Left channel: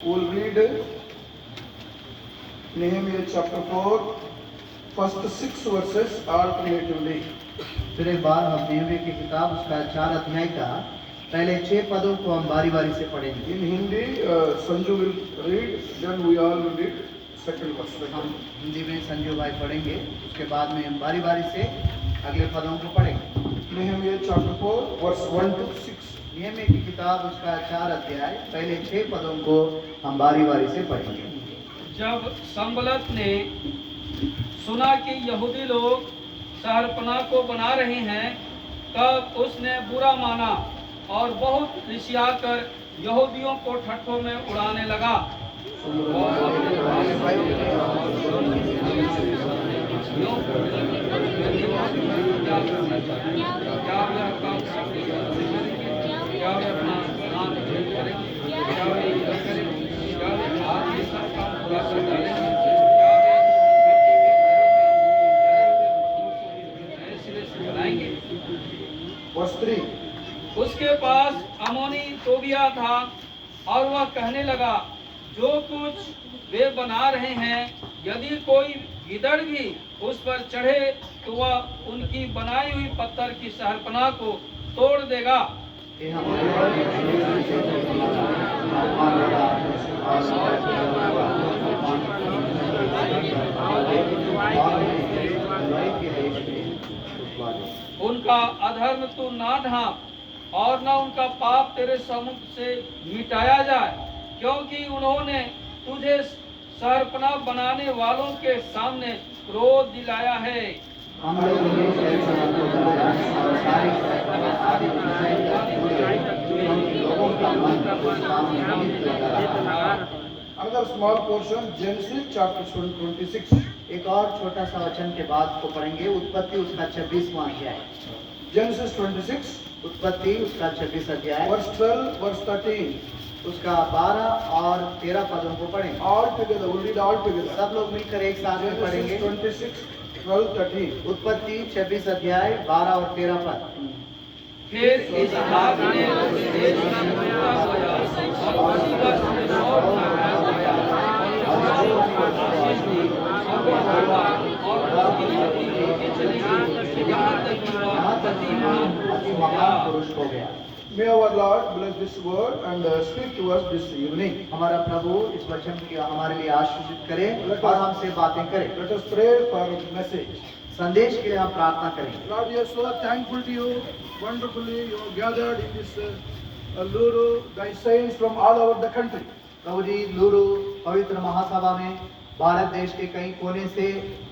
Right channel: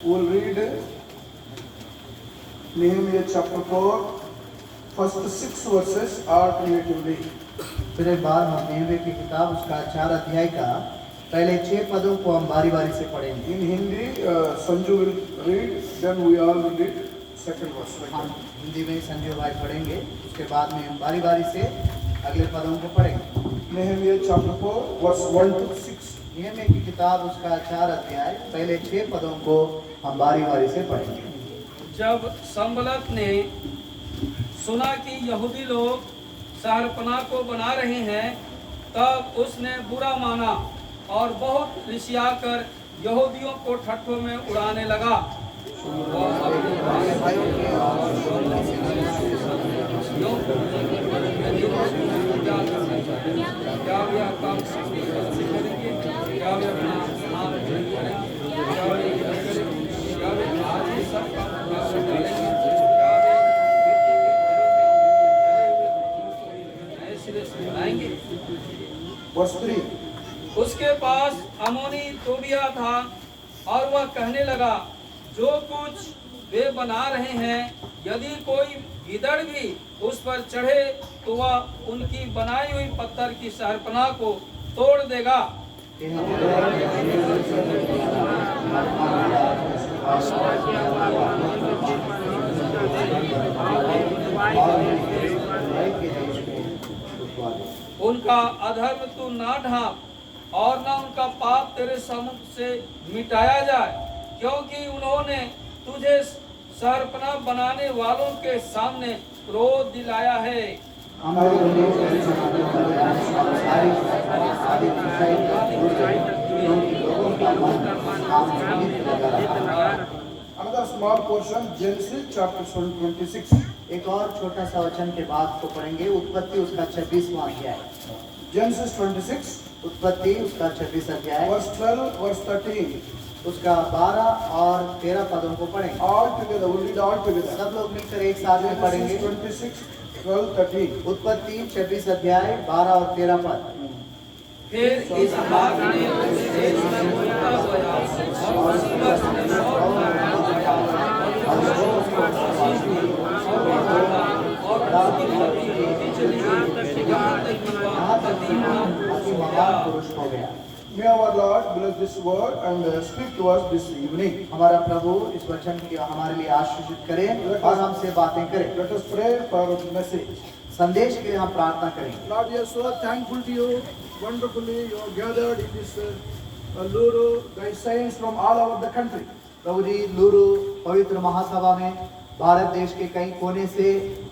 We will read Nehemiah chapter 4, first 6 verses alternatively. फिर एक बार हम नेहमी की किताब उसका 4 अध्याय का पहले 6 पदों को हम बारी बारी से पढ़ेंगे। In Hindi, Sanju will read, then we all will read second verse. हम हिंदी में संजू भाई पढ़ेंगे, उसके बाद में हम बारी बारी से अगले पदों को पढ़ेंगे। Nehemiah chapter 4, verse 1 to 6. नेहमी की किताब उसका 4 अध्याय पहले 6 पदों को हम बारी बारी से पढ़ेंगे। जब संबलत ने सुना कि यहूदी लोग शहरपनाह को बना रहे हैं, तब उसने बुरा माना और बहुत रिसियाकर यहूदियों को ठट्ठों में उड़ाने लगा। Verse 3. उसके पास अमोनी तोबिया था और वह कहने लगा, जो कुछ वे बना रहे हैं, यदि कोई गिदड़ भी उस पर चढ़े तो वह उनकी बनाई हुई पत्थर की शहरपनाह को तोड़ देगा। उनका अधर्म तू ना ढांप और न उनका पाप तेरे समुख से मिटाया जाए, क्योंकि उन्होंने तुझे शहरपनाह बनाने वालों के सामने क्रोध दिलाया है। Another small portion, Genesis chapter 26. एक और छोटा सा वचन के बाद को पढ़ेंगे, उत्पत्ति उसका 26वां अध्याय। Genesis 26, उत्पत्ति उसका 26 अध्याय verse 12, verse 13. उसका 12 और 13 पदों को पढ़ेंगे। All together, we'll read all together. सब लोग मिलकर एक साथ में पढ़ेंगे। Genesis 26, 12, 13. उत्पत्ति 26 अध्याय 12 और 13 पद। फिर इसहाक ने उस देश में बोया और उसी वक्त पुरुष हो गया। May our Lord bless this word and speak to us this evening. हमारा प्रभु इस वचन की हमारे लिए आशीषित करे और हमसे बातें करे। Let us pray for message. संदेश के लिए हम प्रार्थना करें। Lord, we are so thankful to you. Wonderfully, you are gathered in this Luru, thy saints from all over the country. प्रभु जी, लुरु पवित्र महासभा में भारत देश के कई कोने से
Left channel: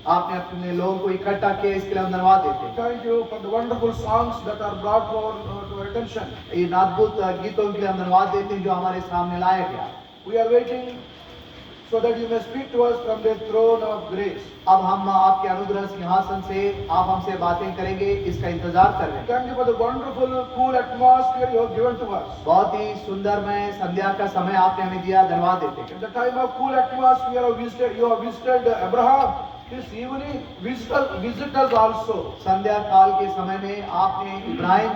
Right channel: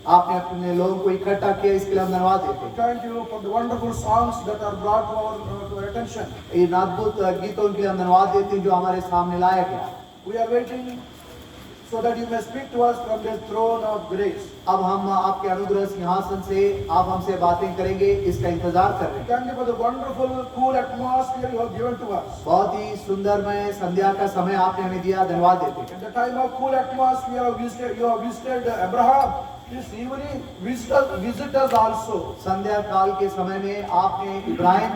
आपने अपने लोगों को इकट्ठा किया, इसके लिए हम धन्यवाद देते हैं। Thank you for the wonderful songs that are brought to our attention. इन अद्भुत गीतों के लिए हम धन्यवाद देते हैं जो हमारे सामने लाया गया। We are waiting so that you may speak to us from the throne of grace. अब हम आपके अनुग्रह सिंहासन से आप हमसे बातें करेंगे, इसका इंतजार कर रहे हैं। Thank you for the wonderful, cool atmosphere you have given to us. बहुत ही सुंदरमय संध्या का समय आपने हमें दिया, धन्यवाद देते हैं। At the time of cool atmosphere, you have visited Abraham. This evening, visit us also. संध्या काल के समय में आपने इब्राहिम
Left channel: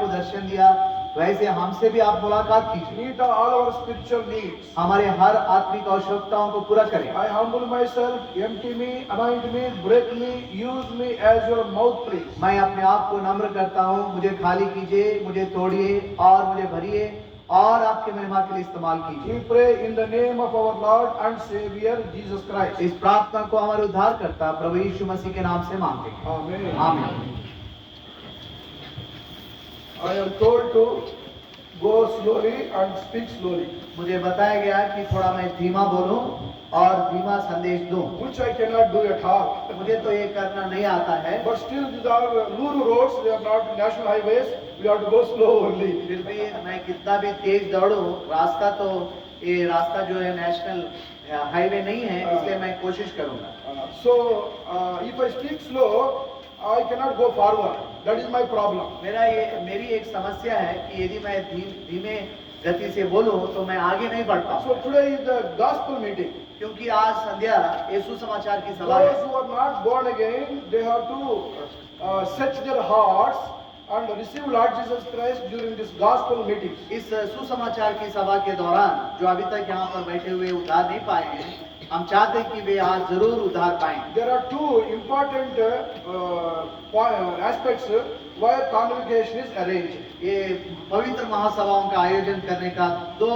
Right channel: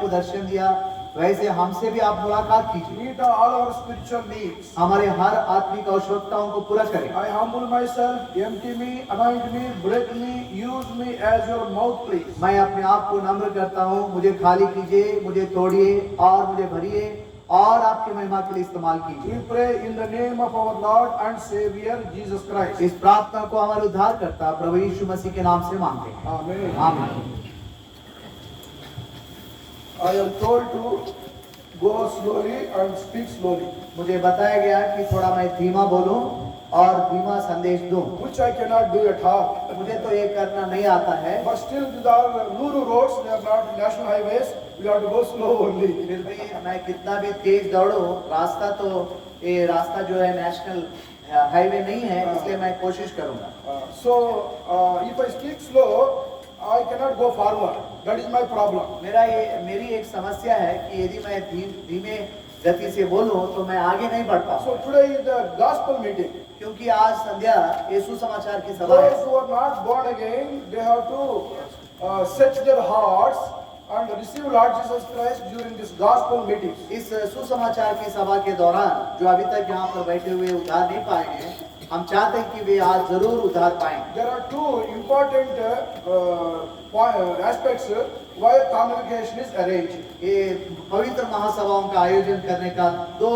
को दर्शन दिया, वैसे हमसे भी आप मुलाकात कीजिए। Meet all our spiritual needs. हमारे हर आत्मिक आवश्यकताओं को पूरा करें। I humble myself, empty me, anoint me, break me, use me as your mouthpiece. मैं अपने आप को नम्र करता हूँ, मुझे खाली कीजिए, मुझे तोड़िए और मुझे भरिए और आपके महिमा के लिए इस्तेमाल कीजिए। We pray in the name of our Lord and Savior Jesus Christ. इस प्रार्थना को हमारे उद्धारकर्ता प्रभु यीशु मसीह के नाम से मांगते हैं। Amen. आमीन। I am told to go slowly and speak slowly, मुझे बताया गया कि थोड़ा मैं धीमा बोलूं और धीमा संदेश दूं। which I cannot do at all. मुझे तो ये करना नहीं आता है, But still, these are Luru roads. They are not national highways. We have to go slow only. फिर भी मैं कितना भी तेज दौड़ूं, रास्ता तो ये रास्ता जो है नेशनल हाईवे नहीं है, इसलिए मैं कोशिश करूंगा। If I speak slow, I cannot go forward. That is my problem. मेरी एक समस्या है कि यदि मैं धीमे गति से बोलूं तो मैं आगे नहीं बढ़ पाऊंगा। So today is the gospel meeting. क्योंकि आज संध्या यीशु समाचार की सभा है। Those who are not born again, they have to search their hearts and receive Lord Jesus Christ during this gospel meetings. इस सुसमाचार की सभा के दौरान जो अभी तक यहाँ पर बैठे हुए उद्धार नहीं पाए हैं, हम चाहते हैं कि वे आज जरूर उद्धार पाएं। There are two important aspects why convocation is arranged. ये पवित्र महासभाओं का आयोजन करने का दो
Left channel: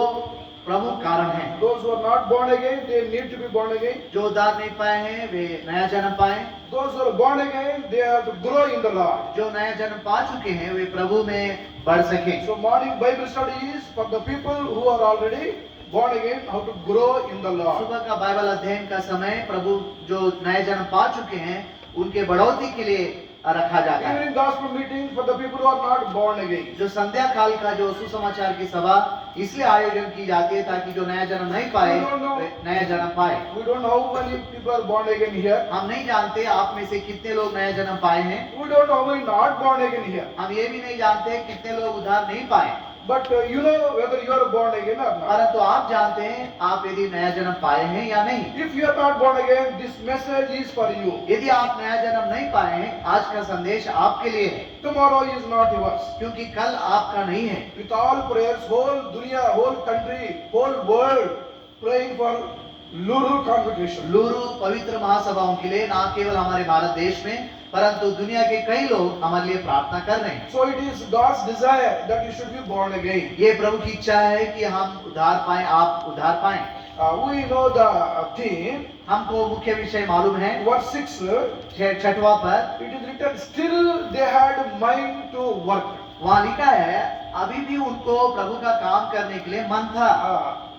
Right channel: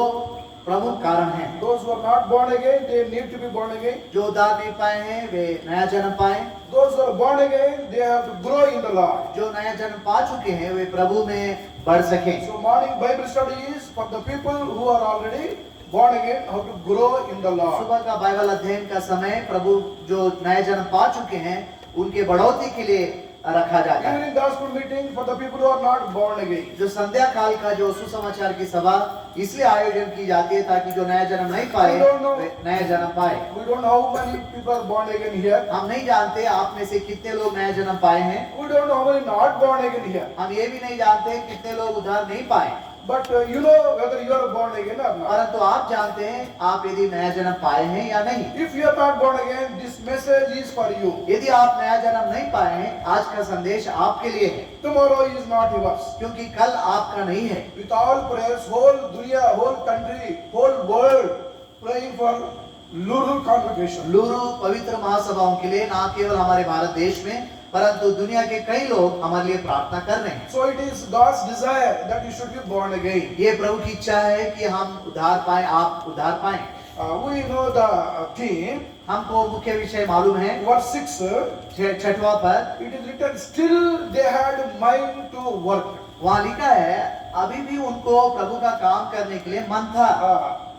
प्रमुख कारण हैं। Those who are not born again, they need to be born again. जो उद्धार नहीं पाए हैं वे नया जन्म पाएं। Those who are born again, they have to grow in the Lord. जो नया जन्म पा चुके हैं वे प्रभु में बढ़ सकें। So morning Bible study is for the people who are already born again, how to grow in the Lord. सुबह का बाइबल अध्ययन का समय प्रभु जो नए जन्म पा चुके हैं उनके बढ़ोतरी के लिए रखा जाता है। During gospel meeting for the people who are not born again. जो संध्या काल का जो सुसमाचार की सभा इसलिए आयोजन की जाती है ताकि जो नया जन्म नहीं पाए वे नया जन्म पाए। We don't know how many people are born again here. हम नहीं जानते आप में से कितने लोग नया जन्म पाए हैं। We don't know how many not born again here. हम ये भी नहीं जानते कितने लोग उद्धार नहीं पाए। But you know whether you are born again or not. परंतु आप जानते हैं आप यदि नया जन्म पाए हैं या नहीं। If you are not born again, this message is for you. यदि आप नया जन्म नहीं पाए हैं, आज का संदेश आपके लिए है, Tomorrow is not yours. क्योंकि कल आपका नहीं है। With all prayers, whole dunya, whole country, whole world praying for Luru congregation. लूरू पवित्र महासभाओं के लिए न केवल हमारे भारत देश में परंतु दुनिया के कई लोग हमारे लिए प्रार्थना कर रहे हैं। So it is God's desire that you should be born again. ये प्रभु की इच्छा है कि हम उद्धार पाएं, आप उद्धार पाएं। We know the theme. हमको मुख्य विषय मालूम है। Verse 6. छठवां पर It is written, still they had mind to work. वहाँ लिखा है अभी भी उनको प्रभु का काम करने के लिए मन था।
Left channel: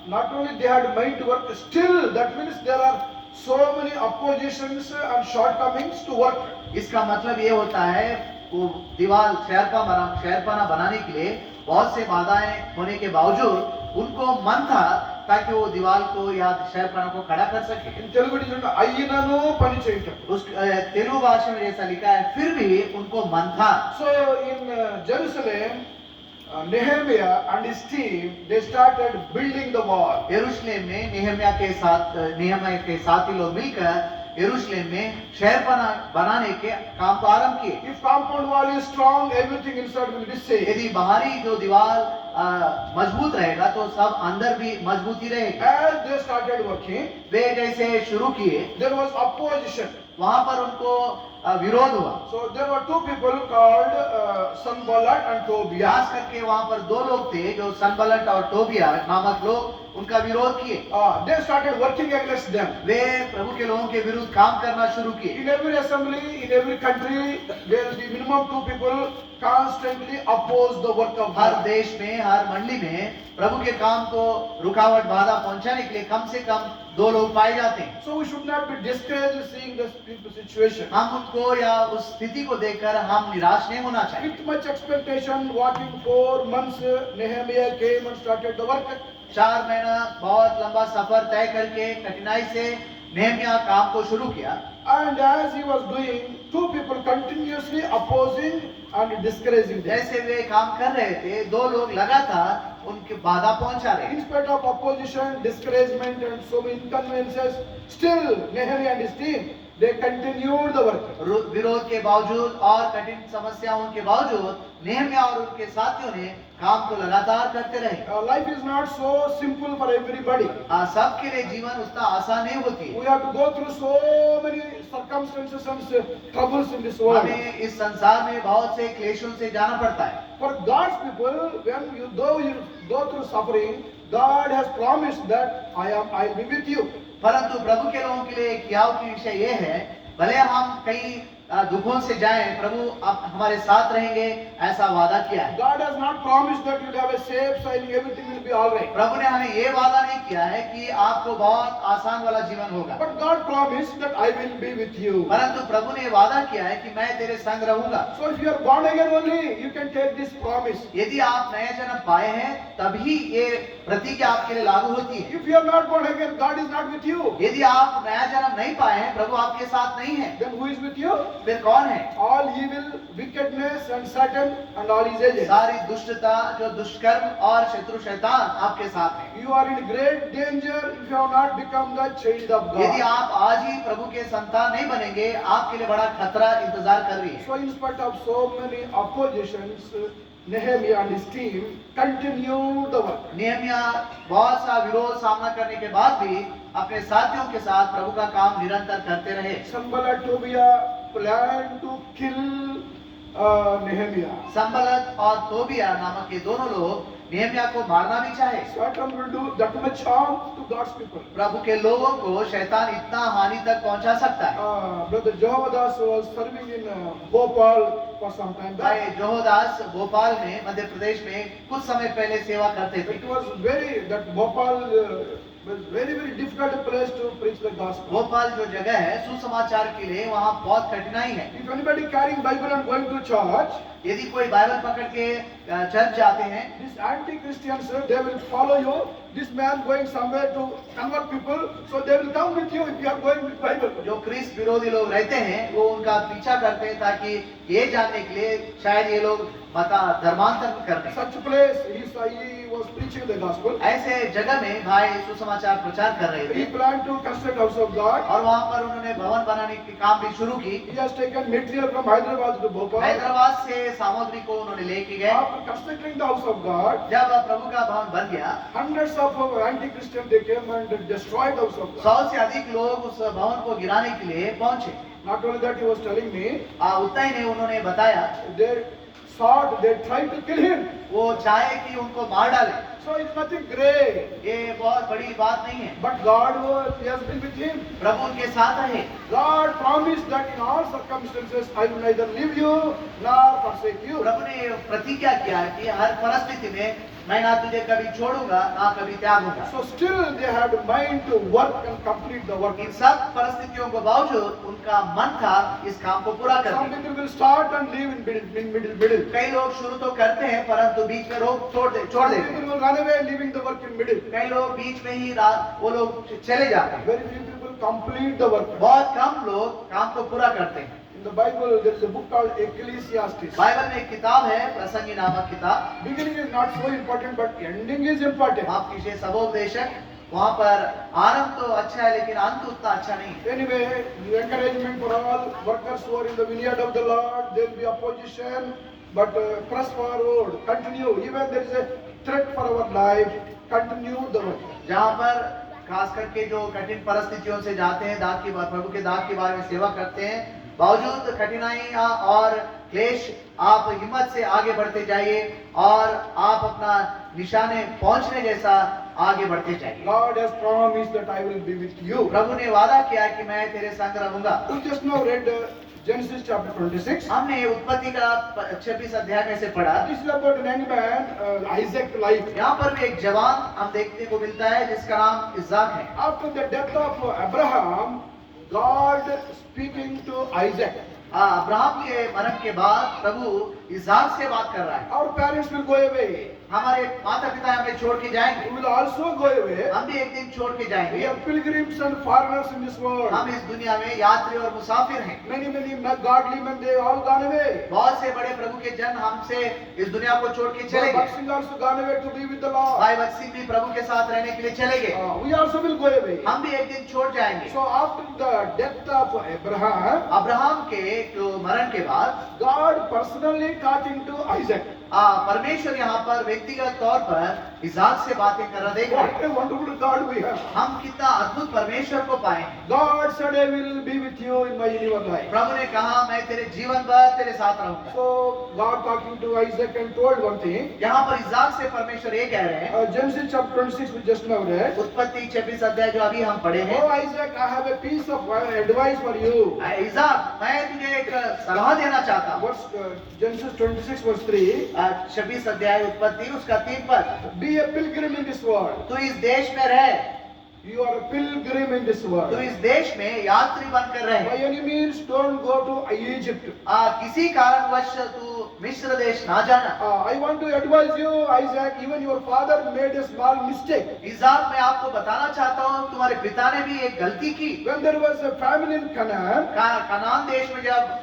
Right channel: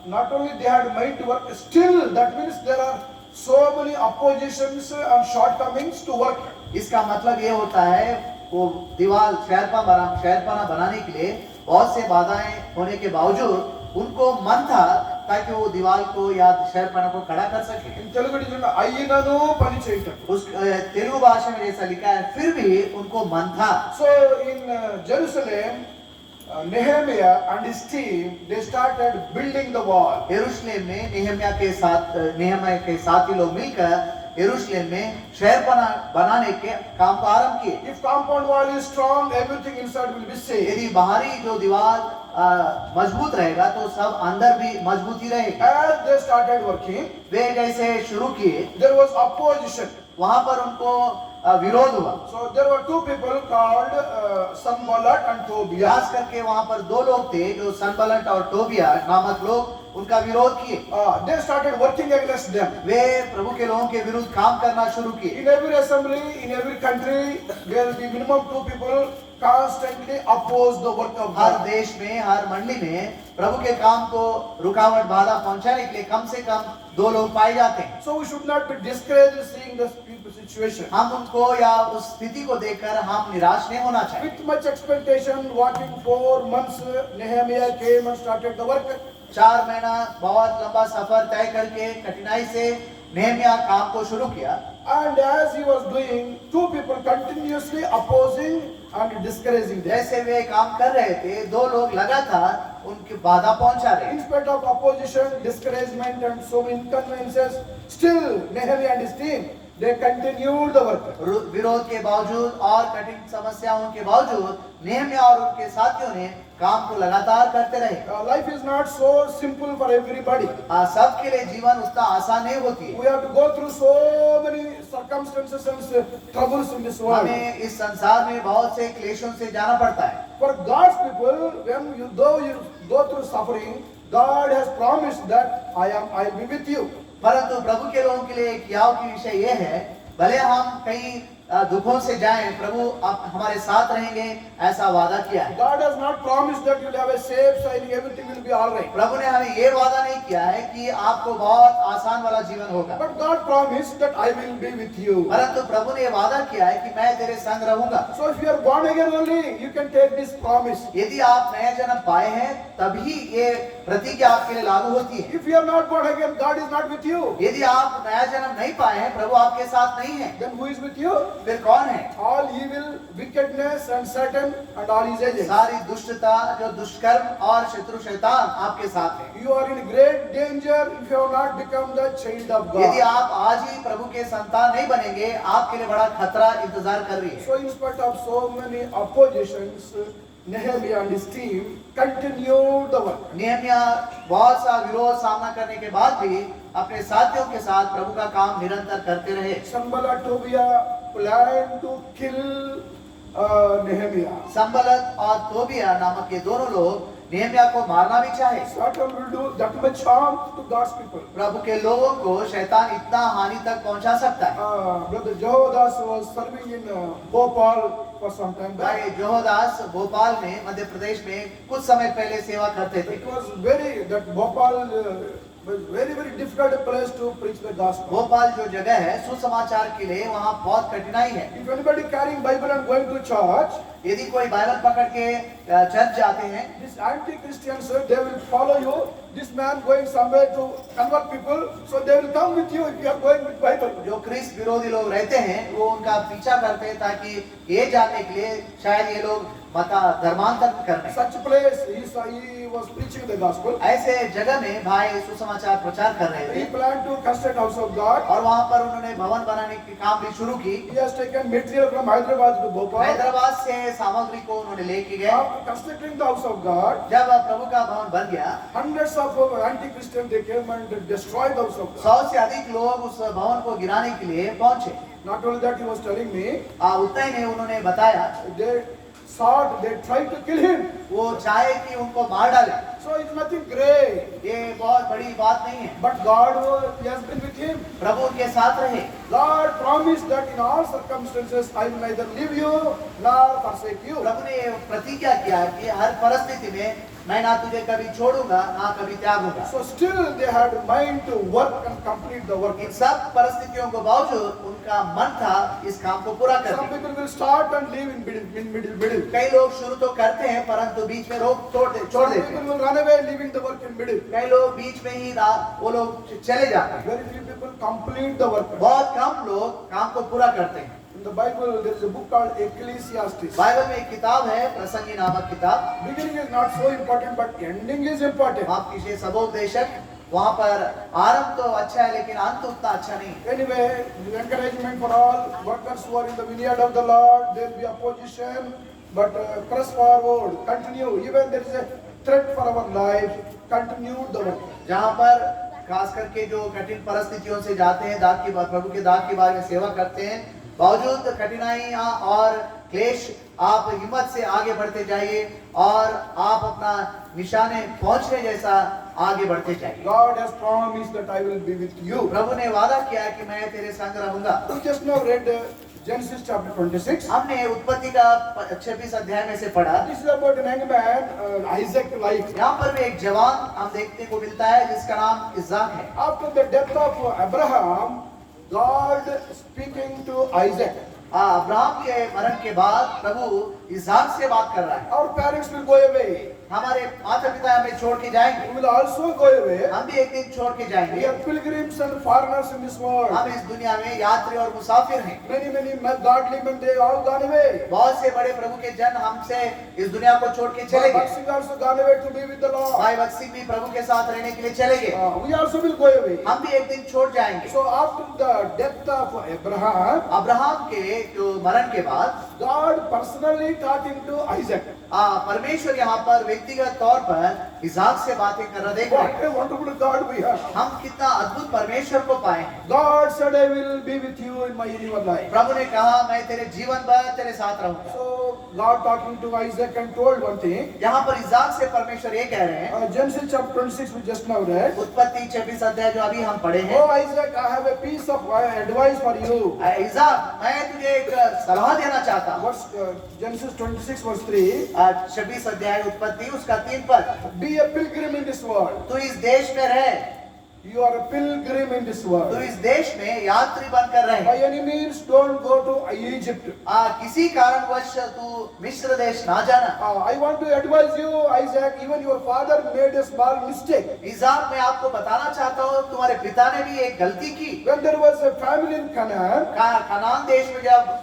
Not only they had mind to work, still that means there are so many oppositions and shortcomings to work. इसका मतलब ये होता है वो दीवार शहरपना बनाने के लिए बहुत से बाधाएं होने के बावजूद उनको मन था ताकि वो दीवार को या शहरपना को खड़ा कर सके। In Telugu it is written, "Ayyinanu pani cheytam." उस तेलुगु भाषा में जैसा लिखा है फिर भी उनको मन था। So in Jerusalem, Nehemiah and his team, they started building the wall. यरूशलेम में नेहम्याह के साथी लोग मिलकर यरूशलेम में शहरपना बनाने के काम को आरंभ किए। If compound wall is strong, everything inside will be safe. यदि बाहरी जो दीवार मजबूत रहेगा तो सब अंदर भी मजबूती रहेगी। As they started working, वे जैसे शुरू किए there was opposition. वहां पर उनको विरोध हुआ। So there were two people called Sanballat and Tobiah. खास करके वहां पर दो लोग थे जो सनबलट और टोबिया नामक लोग उनका विरोध किए। They started working against them. वे प्रभु के लोगों के विरुद्ध काम करना शुरू किए। In every assembly, in every country, there will be minimum two people constantly oppose the work of her God. देश में हर मंडली में प्रभु के काम को रुकावट बाधा पहुंचाने के लिए कम से कम दो लोग पाए जाते हैं। So we should not be discouraged seeing this situation. हम उनको या उस स्थिति को देखकर हम निराश नहीं होना चाहिए। With much expectation, walking 4 months, Nehemiah came and started the work. 4 महीना बहुत लंबा सफर तय करके कठिनाई से नेहमिया काम को शुरू किया। And as he was doing, two people continuously opposing and discouraging them. जैसे वे काम कर रहे थे दो लोग लगातार उनकी बाधा पहुंचा रहे। In spite of opposition, discouragement and so many inconveniences, still Nehemiah and his team, they continued the work. विरोध के बावजूद और कठिन समस्याओं के बावजूद नेहमिया और उनके साथियों ने काम को लगातार करते रहे। Life is not so simple for everybody. सबके लिए जीवन उतना आसान नहीं होती। We have to go through so many circumstances and troubles in this world. हमें इस संसार में बहुत से क्लेशों से जाना पड़ता है। For God's people, when you go through suffering, God has promised that I'll be with you. परंतु प्रभु के लोगों के लिए एक याव की विषय ये है भले हम कई दुखों से जाएं प्रभु आप हमारे साथ रहेंगे ऐसा वादा किया है। God has not promised that you'll have a safe sailing, everything will be all right. प्रभु ने हमें ये वादा नहीं किया है कि आपको बहुत आसान वाला जीवन होगा। But God promised that I will be with you. परंतु प्रभु ने वादा किया है कि मैं तेरे संग रहूंगा। So if you are born again only, you can take this promise. यदि आप नया जन्म पाए हैं तभी ये प्रतिज्ञा आपके लिए लागू होती है। If you are not born again, God is not with you. यदि आप नया जन्म नहीं पाए हैं, प्रभु आपके साथ नहीं है, Then who is with you? फिर कौन है? All evil, wickedness and Satan and all his agents. सारी दुष्टता, जो दुष्कर्म और शत्रु शैतान आपके साथ है। You are in great danger if you have not become the child of यदि God. आप आज ही प्रभु के संतान नहीं बनेंगे, आपके लिए बड़ा खतरा इंतजार कर रही है। So in spite of so many oppositions, Nehemiah and his team continued the work. Nehemiah बहुत सा विरोध सामना करने के बाद भी अपने साथियों के साथ प्रभु का काम निरंतर करते रहे। Sanballat, Tobiah planned to kill Nehemiah. संबलत और तोबिया नामक ये दोनों लोग नेहमिया को मारना भी चाहे। Satan will do that much harm to God's people. प्रभु के लोगों को शैतान इतना हानि तक पहुंचा सकता है। Brother Jehovadas was serving in Bhopal for some time भाई back. जोहोदास भोपाल में, मध्य प्रदेश में कुछ समय पहले सेवा करते थे। It was that Bhopal was very difficult place to preach the gospel. Bhopal जो जगह है सुसमाचार के लिए, वहाँ बहुत कठिनाई है। If anybody carrying Bible and going to church, यदि कोई बाइबल पकड़ के चर्च जाते हैं, these anti-Christians, they will follow you. This man going somewhere to convert people, so they will come with you if you are going with Bible. जो ख्रिस्त विरोधी लोग रहते हैं, वो उनका पीछा करते हैं ताकि ये जानने के लिए शायद ये लोग धर्मांतरण करने। Such place, he was preaching the gospel. ऐसे जगह में भाई सुसमाचार प्रचार कर रहे He थे planned to construct house of God. और वहाँ पर उन्होंने भवन बनाने की काम भी शुरू की। He has taken material from Hyderabad to Bhopal. Hyderabad से सामग्री को उन्होंने लेके गए। After constructing the house of God, जब प्रभु का भवन बन गया, hundreds of anti-Christians they came and destroyed the house of God. 100 से अधिक लोग उस भवन को गिराने के लिए पहुंचे। Not only that, he was telling me, उतना ही नहीं, उन्होंने बताया they tried to kill him. वो चाहे कि उनको मार डाले। So it's nothing great. ये बहुत बड़ी बात नहीं है। But God he has been with him. प्रभु उनके साथ रहे। God promised that in all circumstances I will neither leave you nor forsake you. प्रभु ने प्रतिज्ञा किया कि हर परिस्थिति में मैं ना तुझे कभी छोड़ूंगा ना कभी त्यागूंगा। So still they had mind to work and complete the work. इन सब परिस्थितियों के बावजूद उनका मन था इस काम को पूरा Some करने। people will start and leave in middle. कई लोग शुरू तो करते हैं परंतु बीच में छोड़ Some देते people हैं। will run away leaving the work in middle. कई लोग बीच में ही वो लोग चले जाते हैं। Very few people complete the work. बहुत कम लोग काम को पूरा करते हैं। In the Bible there is a book called Ecclesiastes. Bible में एक किताब है, प्रसंगी नामक किताब। Beginning is not so important but ending is important. माफ कीजिए सबोपदेशक, वहाँ पर आरंभ तो अच्छा है लेकिन अंत उतना अच्छा नहीं है। Anyway, encouragement for all workers who are in the vineyard of the Lord. There will be opposition, but press forward, continue. Even there is a threat for our life, continue the work. जहाँ पर खास करके जो कठिन परिस्थितियों से जाते हैं, प्रभु के दाग के बारे में सेवा करते हैं, बावजूद कठिनाइयाँ और क्लेश, आप हिम्मत से आगे बढ़ते जाइए और आप अपना निशाने पहुंचने जैसा आगे बढ़ते जाइए। God has promised that I will be with you. प्रभु ने वादा किया कि मैं तेरे संग रहूंगा। We just now read Genesis chapter 26. हमने उत्पत्ति का 26 अध्याय में से पढ़ा। This is about an young man, Isaac life. यहाँ पर भी एक जवान हम देखने को मिलता है जिसका नाम इसाक है। After the death of Abraham, God speaking to Isaac. Abraham के मरण के बाद प्रभु इसाक से बात कर रहा है। Our parents will go away. हमारे माता पिता हमें छोड़ के जाएंगे, We will also go away. हम भी एक दिन छोड़ के We जाएंगे। are pilgrims and foreigners in this world. हम इस दुनिया में यात्री और मुसाफिर हैं। Many godly men, they all gone away. बहुत से बड़े प्रभु के जन हमसे इस दुनिया को छोड़ के चले Bhagat गए। Singh also gone away to be with the Lord. भाई भगत सिंह भी प्रभु के साथ रहने के लिए चले गए। We also will go away. हम भी एक दिन छोड़ जाएंगे। So after the death of Abraham, Abraham के जो मरण के बाद God personally talking to Isaac. परमेश्वर यहाँ पर व्यक्तिगत तौर पर इसाक से बातें कर रहा देख रहे हैं। What a wonderful God we have. हम कितना अद्भुत परमेश्वर को पाए हैं। God said, I will be with you in your life. प्रभु ने कहा मैं तेरे जीवन भर तेरे साथ रहूंगा। So God talking to Isaac and told one thing. यहाँ पर इसाक से परमेश्वर ये कह रहे हैं, Genesis chapter 26 we just now read. उत्पत्ति 26 अध्याय जो अभी हम पढ़े हैं। Oh Isaac, I have a piece of advice for you. Isaac, मैं तुझे एक सलाह देना चाहता हूँ। Genesis 26 verse 3. 26 अध्याय उत्पत्ति उसका 3 पद। Be a pilgrim in this world. तू इस देश में रह। You are a pilgrim in this तो world. इस देश में यात्री बनकर By रहे। any means, don't go to Egypt. किसी कारणवश तू मिस्र देश ना जाना। I want to advise you, Isaac, even your father made a small mistake. इज़ाक, मैं आपको बताना चाहता हूँ तुम्हारे पिता ने भी एक गलती की। When there was a famine in Canaan, Kanan देश में जब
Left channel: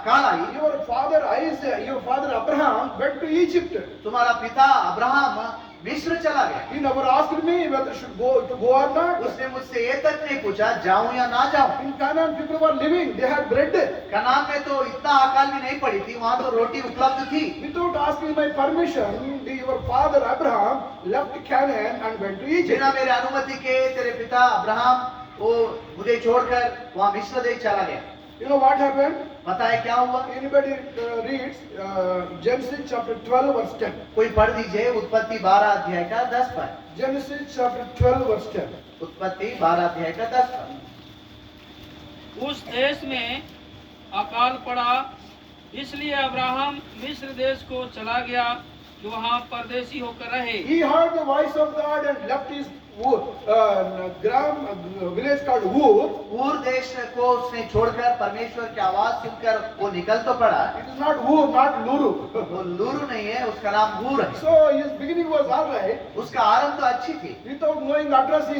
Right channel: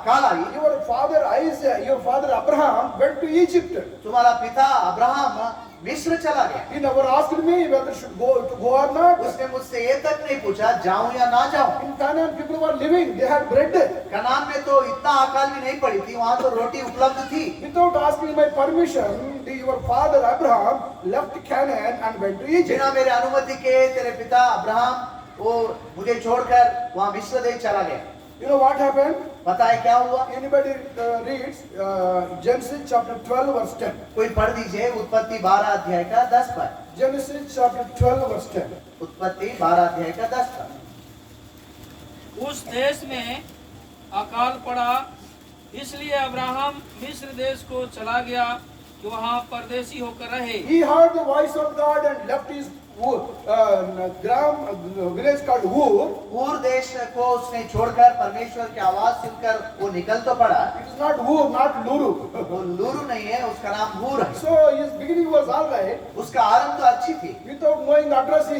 अकाल आई, your father Isaac, your father Abraham went to Egypt. तुम्हारा पिता अब्राहम मिस्र चला गया। He never asked me whether should go or not. उसने मुझसे ये तक नहीं पूछा जाऊं या ना जाऊं। In Canaan, people were living; they had bread. Kanan में तो इतना अकाल भी नहीं पड़ी थी, वहां तो रोटी उपलब्ध थी। Without asking my permission, your father Abraham left Canaan and went to Egypt. बिना मेरे अनुमति के तेरे पिता अब्राहम वो मुझे छोड़कर वहां मिस्र देश चला गया। You know what happened? पता है क्या हुआ? Anybody reads Genesis chapter 12 verse 10. कोई पढ़ दीजिए उत्पत्ति 12 अध्याय का 10 पद। Genesis chapter 12 verse 10. उत्पत्ति 12 अध्याय का 10 पद। उस देश में अकाल पड़ा, इसलिए अब्राहम मिस्र देश को चला गया कि वहाँ परदेशी होकर रहे। He heard the voice of God and left his village called Ur. ऊर देश को उसने छोड़कर परमेश्वर की आवाज सुनकर वो निकल तो पड़ा। It is not Ur, not Luru. वो लूरू नहीं है, उसका नाम ऊर है। So his beginning was all right. उसका आरंभ तो अच्छी थी। Without knowing the address, he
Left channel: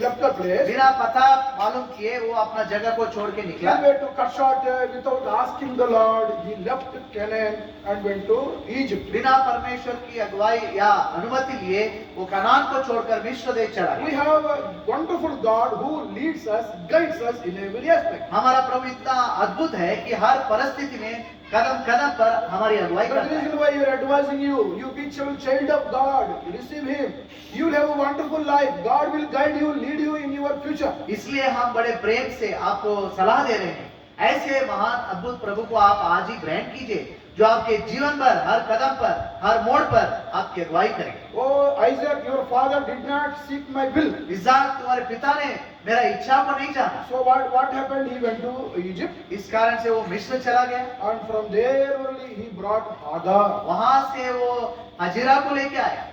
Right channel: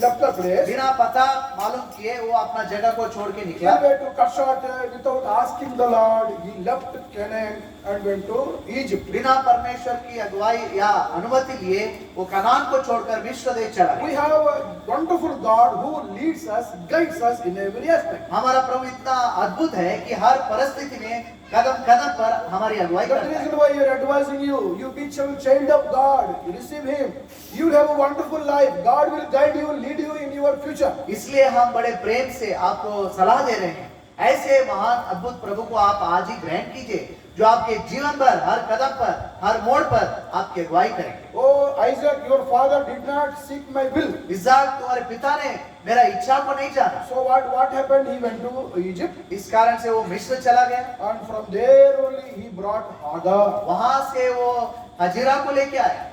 left the place. बिना पता मालूम किए वो अपना जगह को छोड़ के He निकला। went to cut short without asking the Lord. He left Canaan and went to Egypt. बिना परमेश्वर की अगुवाई या अनुमति लिए वो कनान को छोड़कर मिस्र देश चला We गया। have a wonderful God who leads us, guides us in every aspect. हमारा प्रभु इतना अद्भुत है कि हर परिस्थिति में कदम कदम पर हमारी अगुवाई That करता है। reason why we are advising you. You be child of God. Receive Him. You will have a wonderful life. God will guide you, lead you in your future. इसलिए हम बड़े प्रेम से आपको सलाह दे रहे हैं, ऐसे महान अद्भुत प्रभु को आप आज ही ग्रहण कीजिए जो आपके जीवन भर हर कदम पर हर मोड़ पर आपकी अगुवाई करेंगे। Oh, Isaac, your father did not seek my will. इसहाक, तुम्हारे पिता ने मेरा इच्छा को नहीं जाना। So what happened? He went to Egypt, इस कारण से वो मिस्र चला गया। and from there only he brought Hagar. वहां से वो हजीरा को लेके आया।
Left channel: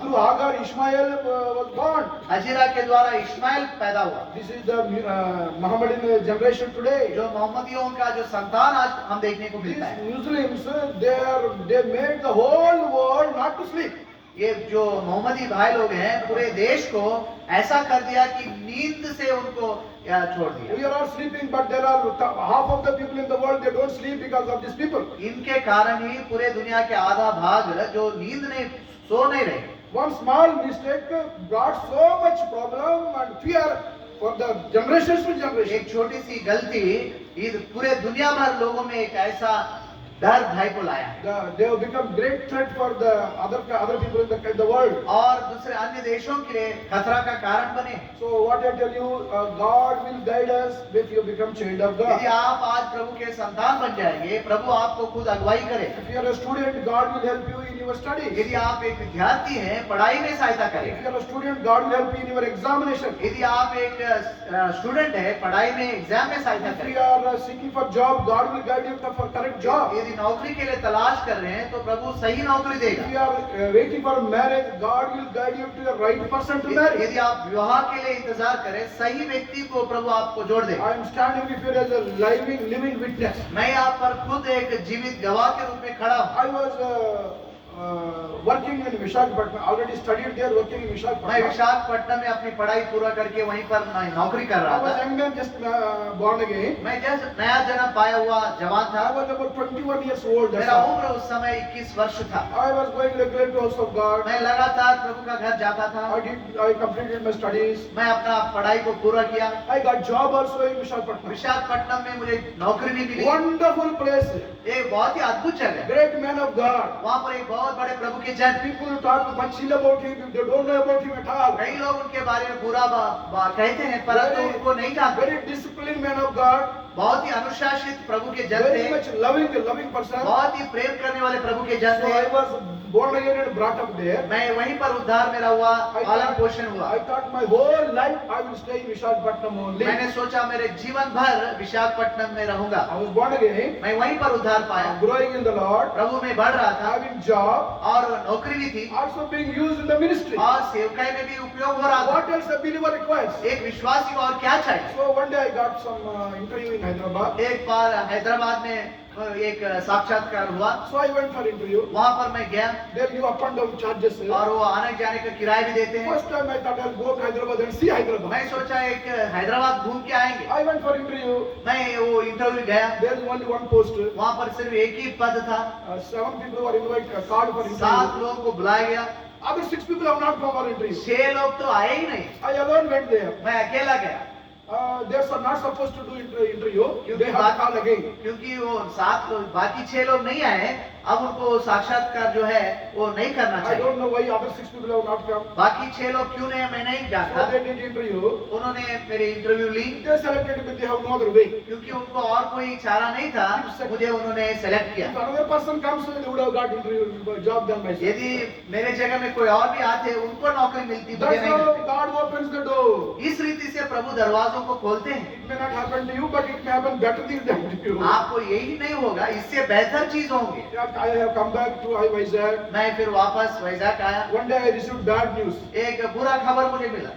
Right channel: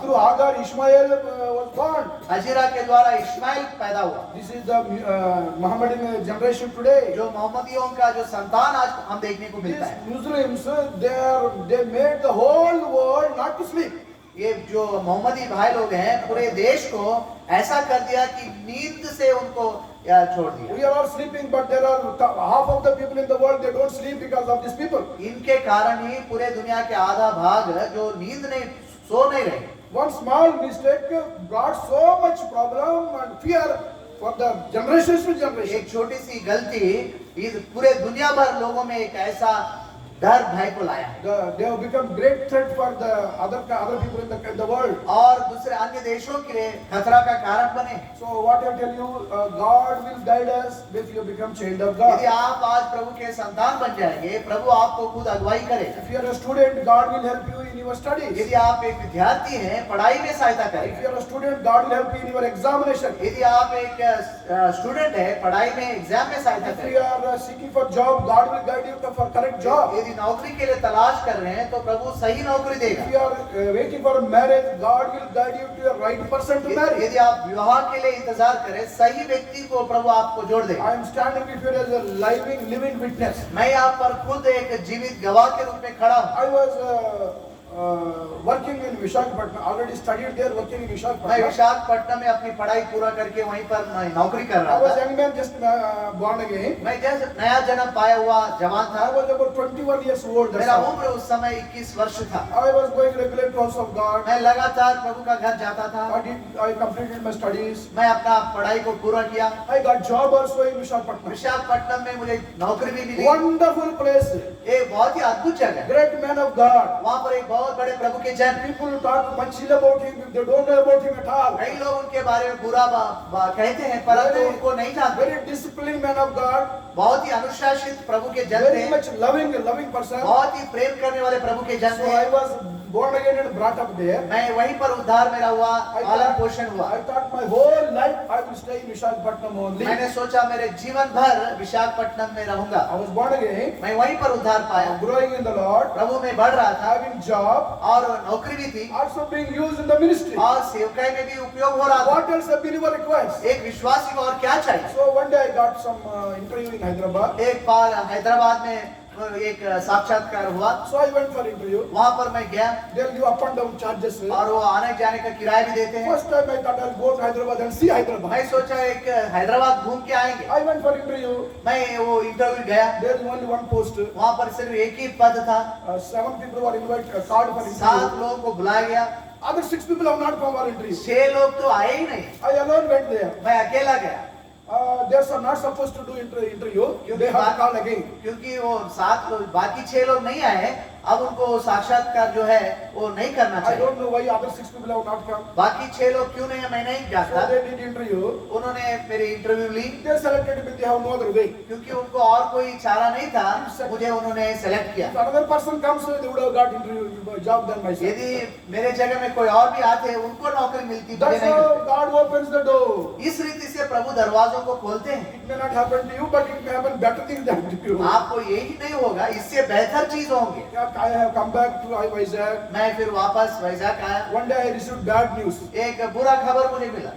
Through Hagar, Ishmael was born. Hazira के द्वारा इस्माइल पैदा हुआ। This is the Muhammadan generation today. जो मोहम्मदियों का जो संतान आज हम देखने को These मिलता है। Muslims, they made the whole world not to sleep. ये जो मोहम्मदी भाई लोग हैं पूरे देश को ऐसा कर दिया कि नींद से उनको छोड़ दिया। We are all sleeping, but there are half of the people in the world, they don't sleep because of these people. इनके कारण ही पूरे दुनिया के आधा भाग जो नींद नहीं सो नहीं रहे। One small mistake brought so much problem and fear for the generations to generation. एक छोटी सी गलती इस पूरे दुनिया भर लोगों में एक ऐसा डर भय को लाया है। They have become great threat for the other people in the world. और दूसरे अन्य देशों के लिए खतरा का कारण बने। So what I tell you, God will guide us if you become child of God. यदि आप आज प्रभु के संतान बन जाएंगे, प्रभु आपको खुद अगुवाई करेगा। If you are a student, God will help you in your studies. यदि आप एक विद्यार्थी हैं, पढ़ाई में सहायता If करेगा। you are a student, God will help you in your examination. यदि आप एक स्टूडेंट है, पढ़ाई में एग्जाम में सहायता If you करेगा। are seeking for job, God will guide you for correct job. यदि नौकरी के लिए तलाश कर रहे हैं तो प्रभु सही नौकरी If देगा। you are waiting for marriage, God will guide you to the right person to marry. यदि आप विवाह के लिए इंतजार करें, सही व्यक्ति को प्रभु आपको जोड़ देगा। I am standing before you as a living witness. मैं यहाँ पर खुद एक जीवित गवाह के रूप में खड़ा हूँ। I was working in Visakhapatnam. Already studied there, working in मैं Visakhapatnam. विशाखापट्टनम में अपनी पढ़ाई पूरा करके वहीं पर नौकरी कर I रहा was था। young man, just born again. मैं जब नया जन्म पाया हुआ जवान I था। was about 21 years old. That's मेरा all. उम्र उस समय 21 वर्ष था। I was going regularly to house of God. मैं लगातार प्रभु का घर जाता था। I completed my studies. मैं अपना पढ़ाई को पूरा किया। I got job also in Visakhapatnam. Visakhapatnam में मुझे नौकरी भी मिली। Wonderful place. एक बहुत ही अद्भुत जगह। Great man of God. वहाँ पर एक बहुत बड़े प्रभु के जन। People talk much ill about him. They don't know about him at all. कई लोग उनके बारे में बुरा कहते हैं, परंतु उनको नहीं जानते। Very disciplined man of God. बहुत ही अनुशासित प्रभु के जन Very थे। much loving person. बहुत ही प्रेम करने वाले प्रभु के जन So I थे। was born again and brought up there. मैं वहीं पर उद्धार मेरा हुआ, पालन पोषण हुआ। I thought my whole life I will stay in Visakhapatnam only. मैंने सोचा मेरे जीवन भर विशाखापट्टनम में रहूंगा। I was born again, मैं वहीं पर उद्धार पाया, growing in the Lord, प्रभु में बढ़ रहा था, having job, और नौकरी भी थी, also being used in the ministry. और सेवकाई में भी उपयोग हो रहा था। What else a believer requires? एक विश्वासी को और क्या चाहिए? So one day I got some interview in Hyderabad. एक बार हैदराबाद में एक साक्षात्कार हुआ, So I went for interview. वहां पर मैं गया, They'll give up and down charges. और वो आने जाने का किराया भी देते हैं। First time I thought I'll go to Hyderabad and see Hyderabad. मैं सोचा एक हैदराबाद घूम के आएंगे। I went for interview. मैं वो इंटरव्यू गया, There's only one post. वहां पर सिर्फ एक ही पद था, 7 people were invited, called for 7 interview. लोगों को बुलाया गया, Other 6 people have not come for interview. 6 लोग तो आए ही नहीं, I alone went there. मैं अकेला गया। They are not supposed to do interview. They have to call again. क्योंकि वो 7 लोग, बाकी 6 लोग नहीं आए, अब उनको साक्षात्कार जो है वो नहीं करना I चाहिए। don't know why other 6 people have not come. बाकी 6 लोग क्यों नहीं, मैं नहीं So जानता। they did interview. उन्होंने मेरी इंटरव्यू ली, They selected me. They have no other way. क्योंकि उनको और कोई चारा नहीं था, मुझे उन्होंने सेलेक्ट किया। If another person comes, they would have got interview job done myself. यदि मेरे जगह में कोई और भी आते, उनको नौकरी मिलती, मुझे That's नहीं how मिलती। God opens the door. इस रीति से प्रभु दरवाजों को खोलते हैं। It may not happen to you, but it may happen better things than to you. आपको यही नहीं होगा, इससे बेहतर चीज होंगे। Yeah, I have come back to Vizag. मैं फिर वापस वैजाग आया, One day I received bad news. एक बुरा खबर मुझे मिला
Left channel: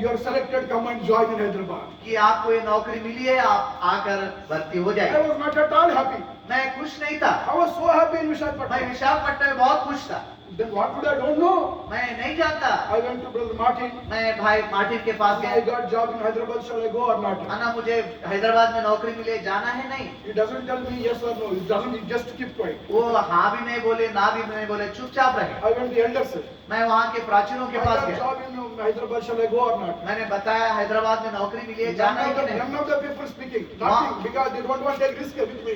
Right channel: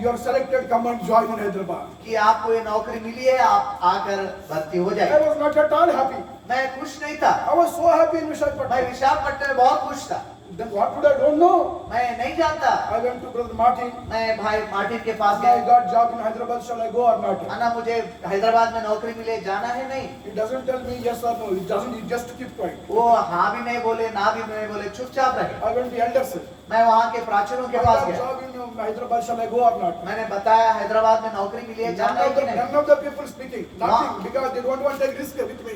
You're selected. Come and join in Hyderabad. कि आपको ये नौकरी मिली है, आप आकर भर्ती हो I जाए। was not at all happy. मैं खुश नहीं था, I was so happy in मैं Visakhapatnam. विशाखापट्टनम में बहुत खुश था। Then what would I don't know? मैं नहीं जानता, I went to Brother Martin. मैं भाई मार्टिन के पास I गया, got job in Hyderabad. Shall I go or not? अन्ना मुझे हैदराबाद में नौकरी मिले, जाना है नहीं। He doesn't tell me yes or no. He doesn't. He just keep quiet. वो हाँ भी नहीं बोले, ना भी नहीं बोले, चुपचाप रहे। I went to the elders. मैं वहाँ के प्राचीनों I के पास got गया, job in Hyderabad. Shall I go or not? मैंने बताया हैदराबाद में नौकरी मिली है, जाना है कि नहीं। None of the people speaking. Nothing. Because they don't want to take risk with me.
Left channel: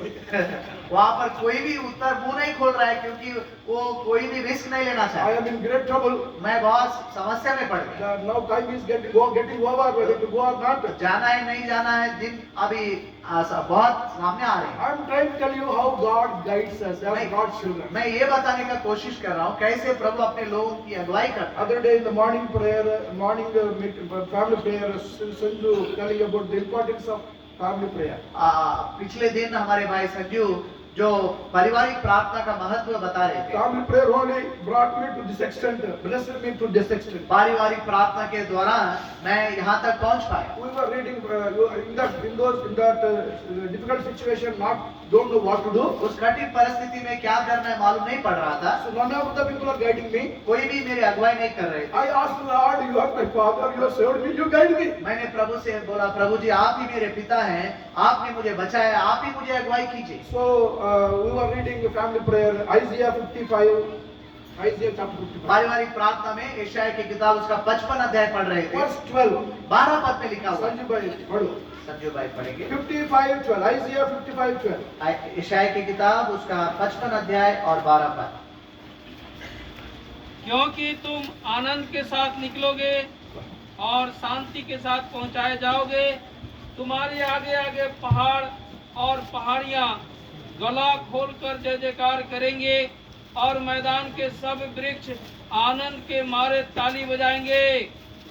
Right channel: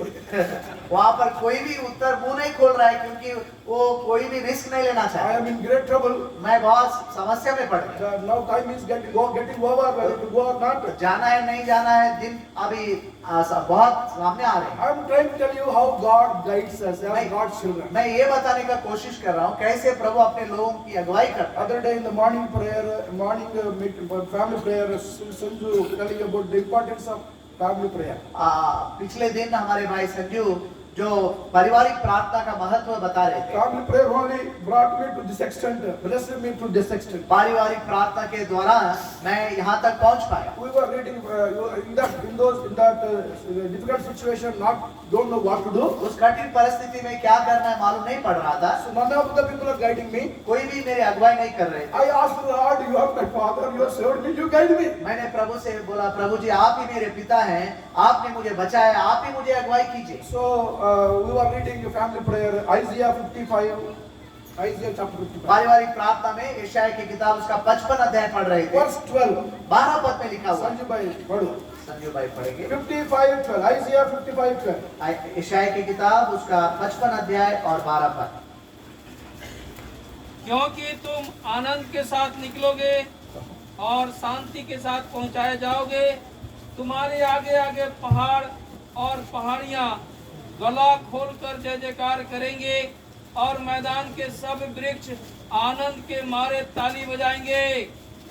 वहाँ पर कोई भी उत्तर मुंह नहीं खोल रहा है, क्योंकि वो कोई भी रिस्क नहीं लेना I चाहे। am in great trouble. मैं बहुत समस्या में पड़ गया, Now time is getting over. Whether to go or not. जाना है नहीं जाना है, दिन अभी बहुत सामने आ रहे हैं। I am trying to tell you how God guides us as God's children. मैं ये बताने का कोशिश कर रहा हूँ कैसे प्रभु अपने लोगों की अगुवाई करता है। Other day in the morning prayer, family prayer, Sanju telling about the importance of family prayer. पिछले दिन हमारे भाई संजू जो पारिवारिक प्रार्थना का महत्व बता रहे थे। Family prayer only brought me to this extent, blessed me to this extent. पारिवारिक प्रार्थना के दौरान मैं यहाँ तक पहुँच पाया। We were reading in that difficult situation, don't know what to do. उस कठिन परिस्थिति में क्या करना है मालूम नहीं पड़ रहा था, So none of the people are guiding me. कोई भी मेरी अगुवाई नहीं कर रहे थे। I asked the Lord, you are my father, you have saved me, you guide me. मैंने प्रभु से बोला, प्रभु जी आप ही मेरे पिता हैं, आपने मुझे बचाया, आप ही मुझे अगुवाई कीजिए। So we were reading a family prayer, Isaiah 55, Isaiah chapter 55. पारिवारिक प्रार्थना में यशायाह की किताब उसका 55 अध्याय पढ़ रहे थे। Verse 12. 12 पद में लिखा हुआ है। Sanju bhai, padho. संजू भाई पढ़ेंगे। 55:12, Isaiah 55:12. यशायाह की किताब उसका 55 अध्याय और 12 पद। क्योंकि तुम आनंद के साथ निकलोगे और शांति के साथ पहुंचाए जाओगे। तुम्हारे आगे आगे पहाड़ और पहाड़ियां गला खोलकर जय जयकार करेंगे और मैदान के सब वृक्ष आनंद के मारे ताली बजाएंगे।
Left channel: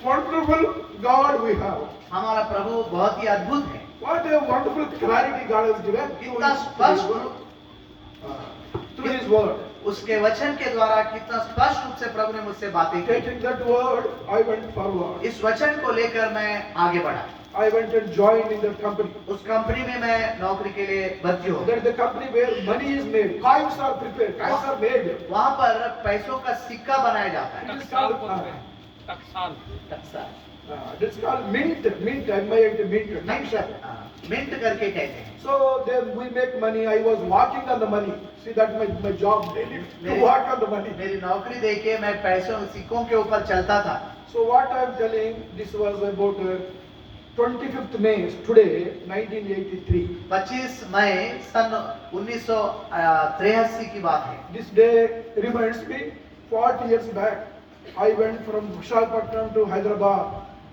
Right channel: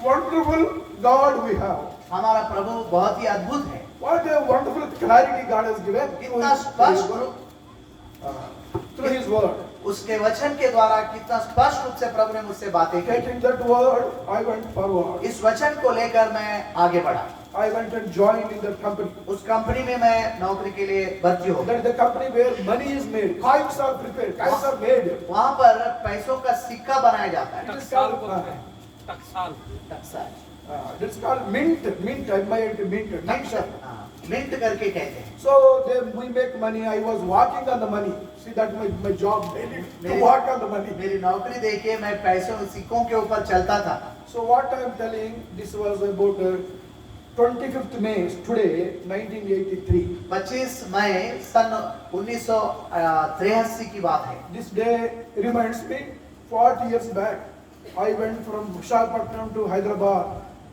Wonderful God we have. हमारा प्रभु बहुत ही अद्भुत है। What a wonderful clarity God has given कितना स्पष्ट through His word. उसके वचन के द्वारा कितना स्पष्ट रूप से प्रभु ने मुझसे बातें की। Taking that word, I went forward. इस वचन को लेकर मैं आगे बढ़ा। I went and joined in that company. उस कंपनी में मैं नौकरी के लिए भर्ती हो That गया। is the company where money is made, coins are prepared, coins are made. वहाँ पर पैसों का सिक्का बनाया जाता है। टकसाल बोलते हैं, टकसाल। It's called mint, M-I-N-T, mint. Mint करके कहते हैं। So we make money. I was walking on the money. See, that's my job daily, to walk on the money. मेरी नौकरी देखिए, मैं पैसों सिक्कों के ऊपर चलता था। So what I am telling, this was about 25th May, today, 1983. 25 मई सन 1983 की बात है। This day reminds me, 40 years back, I went from Visakhapatnam to Hyderabad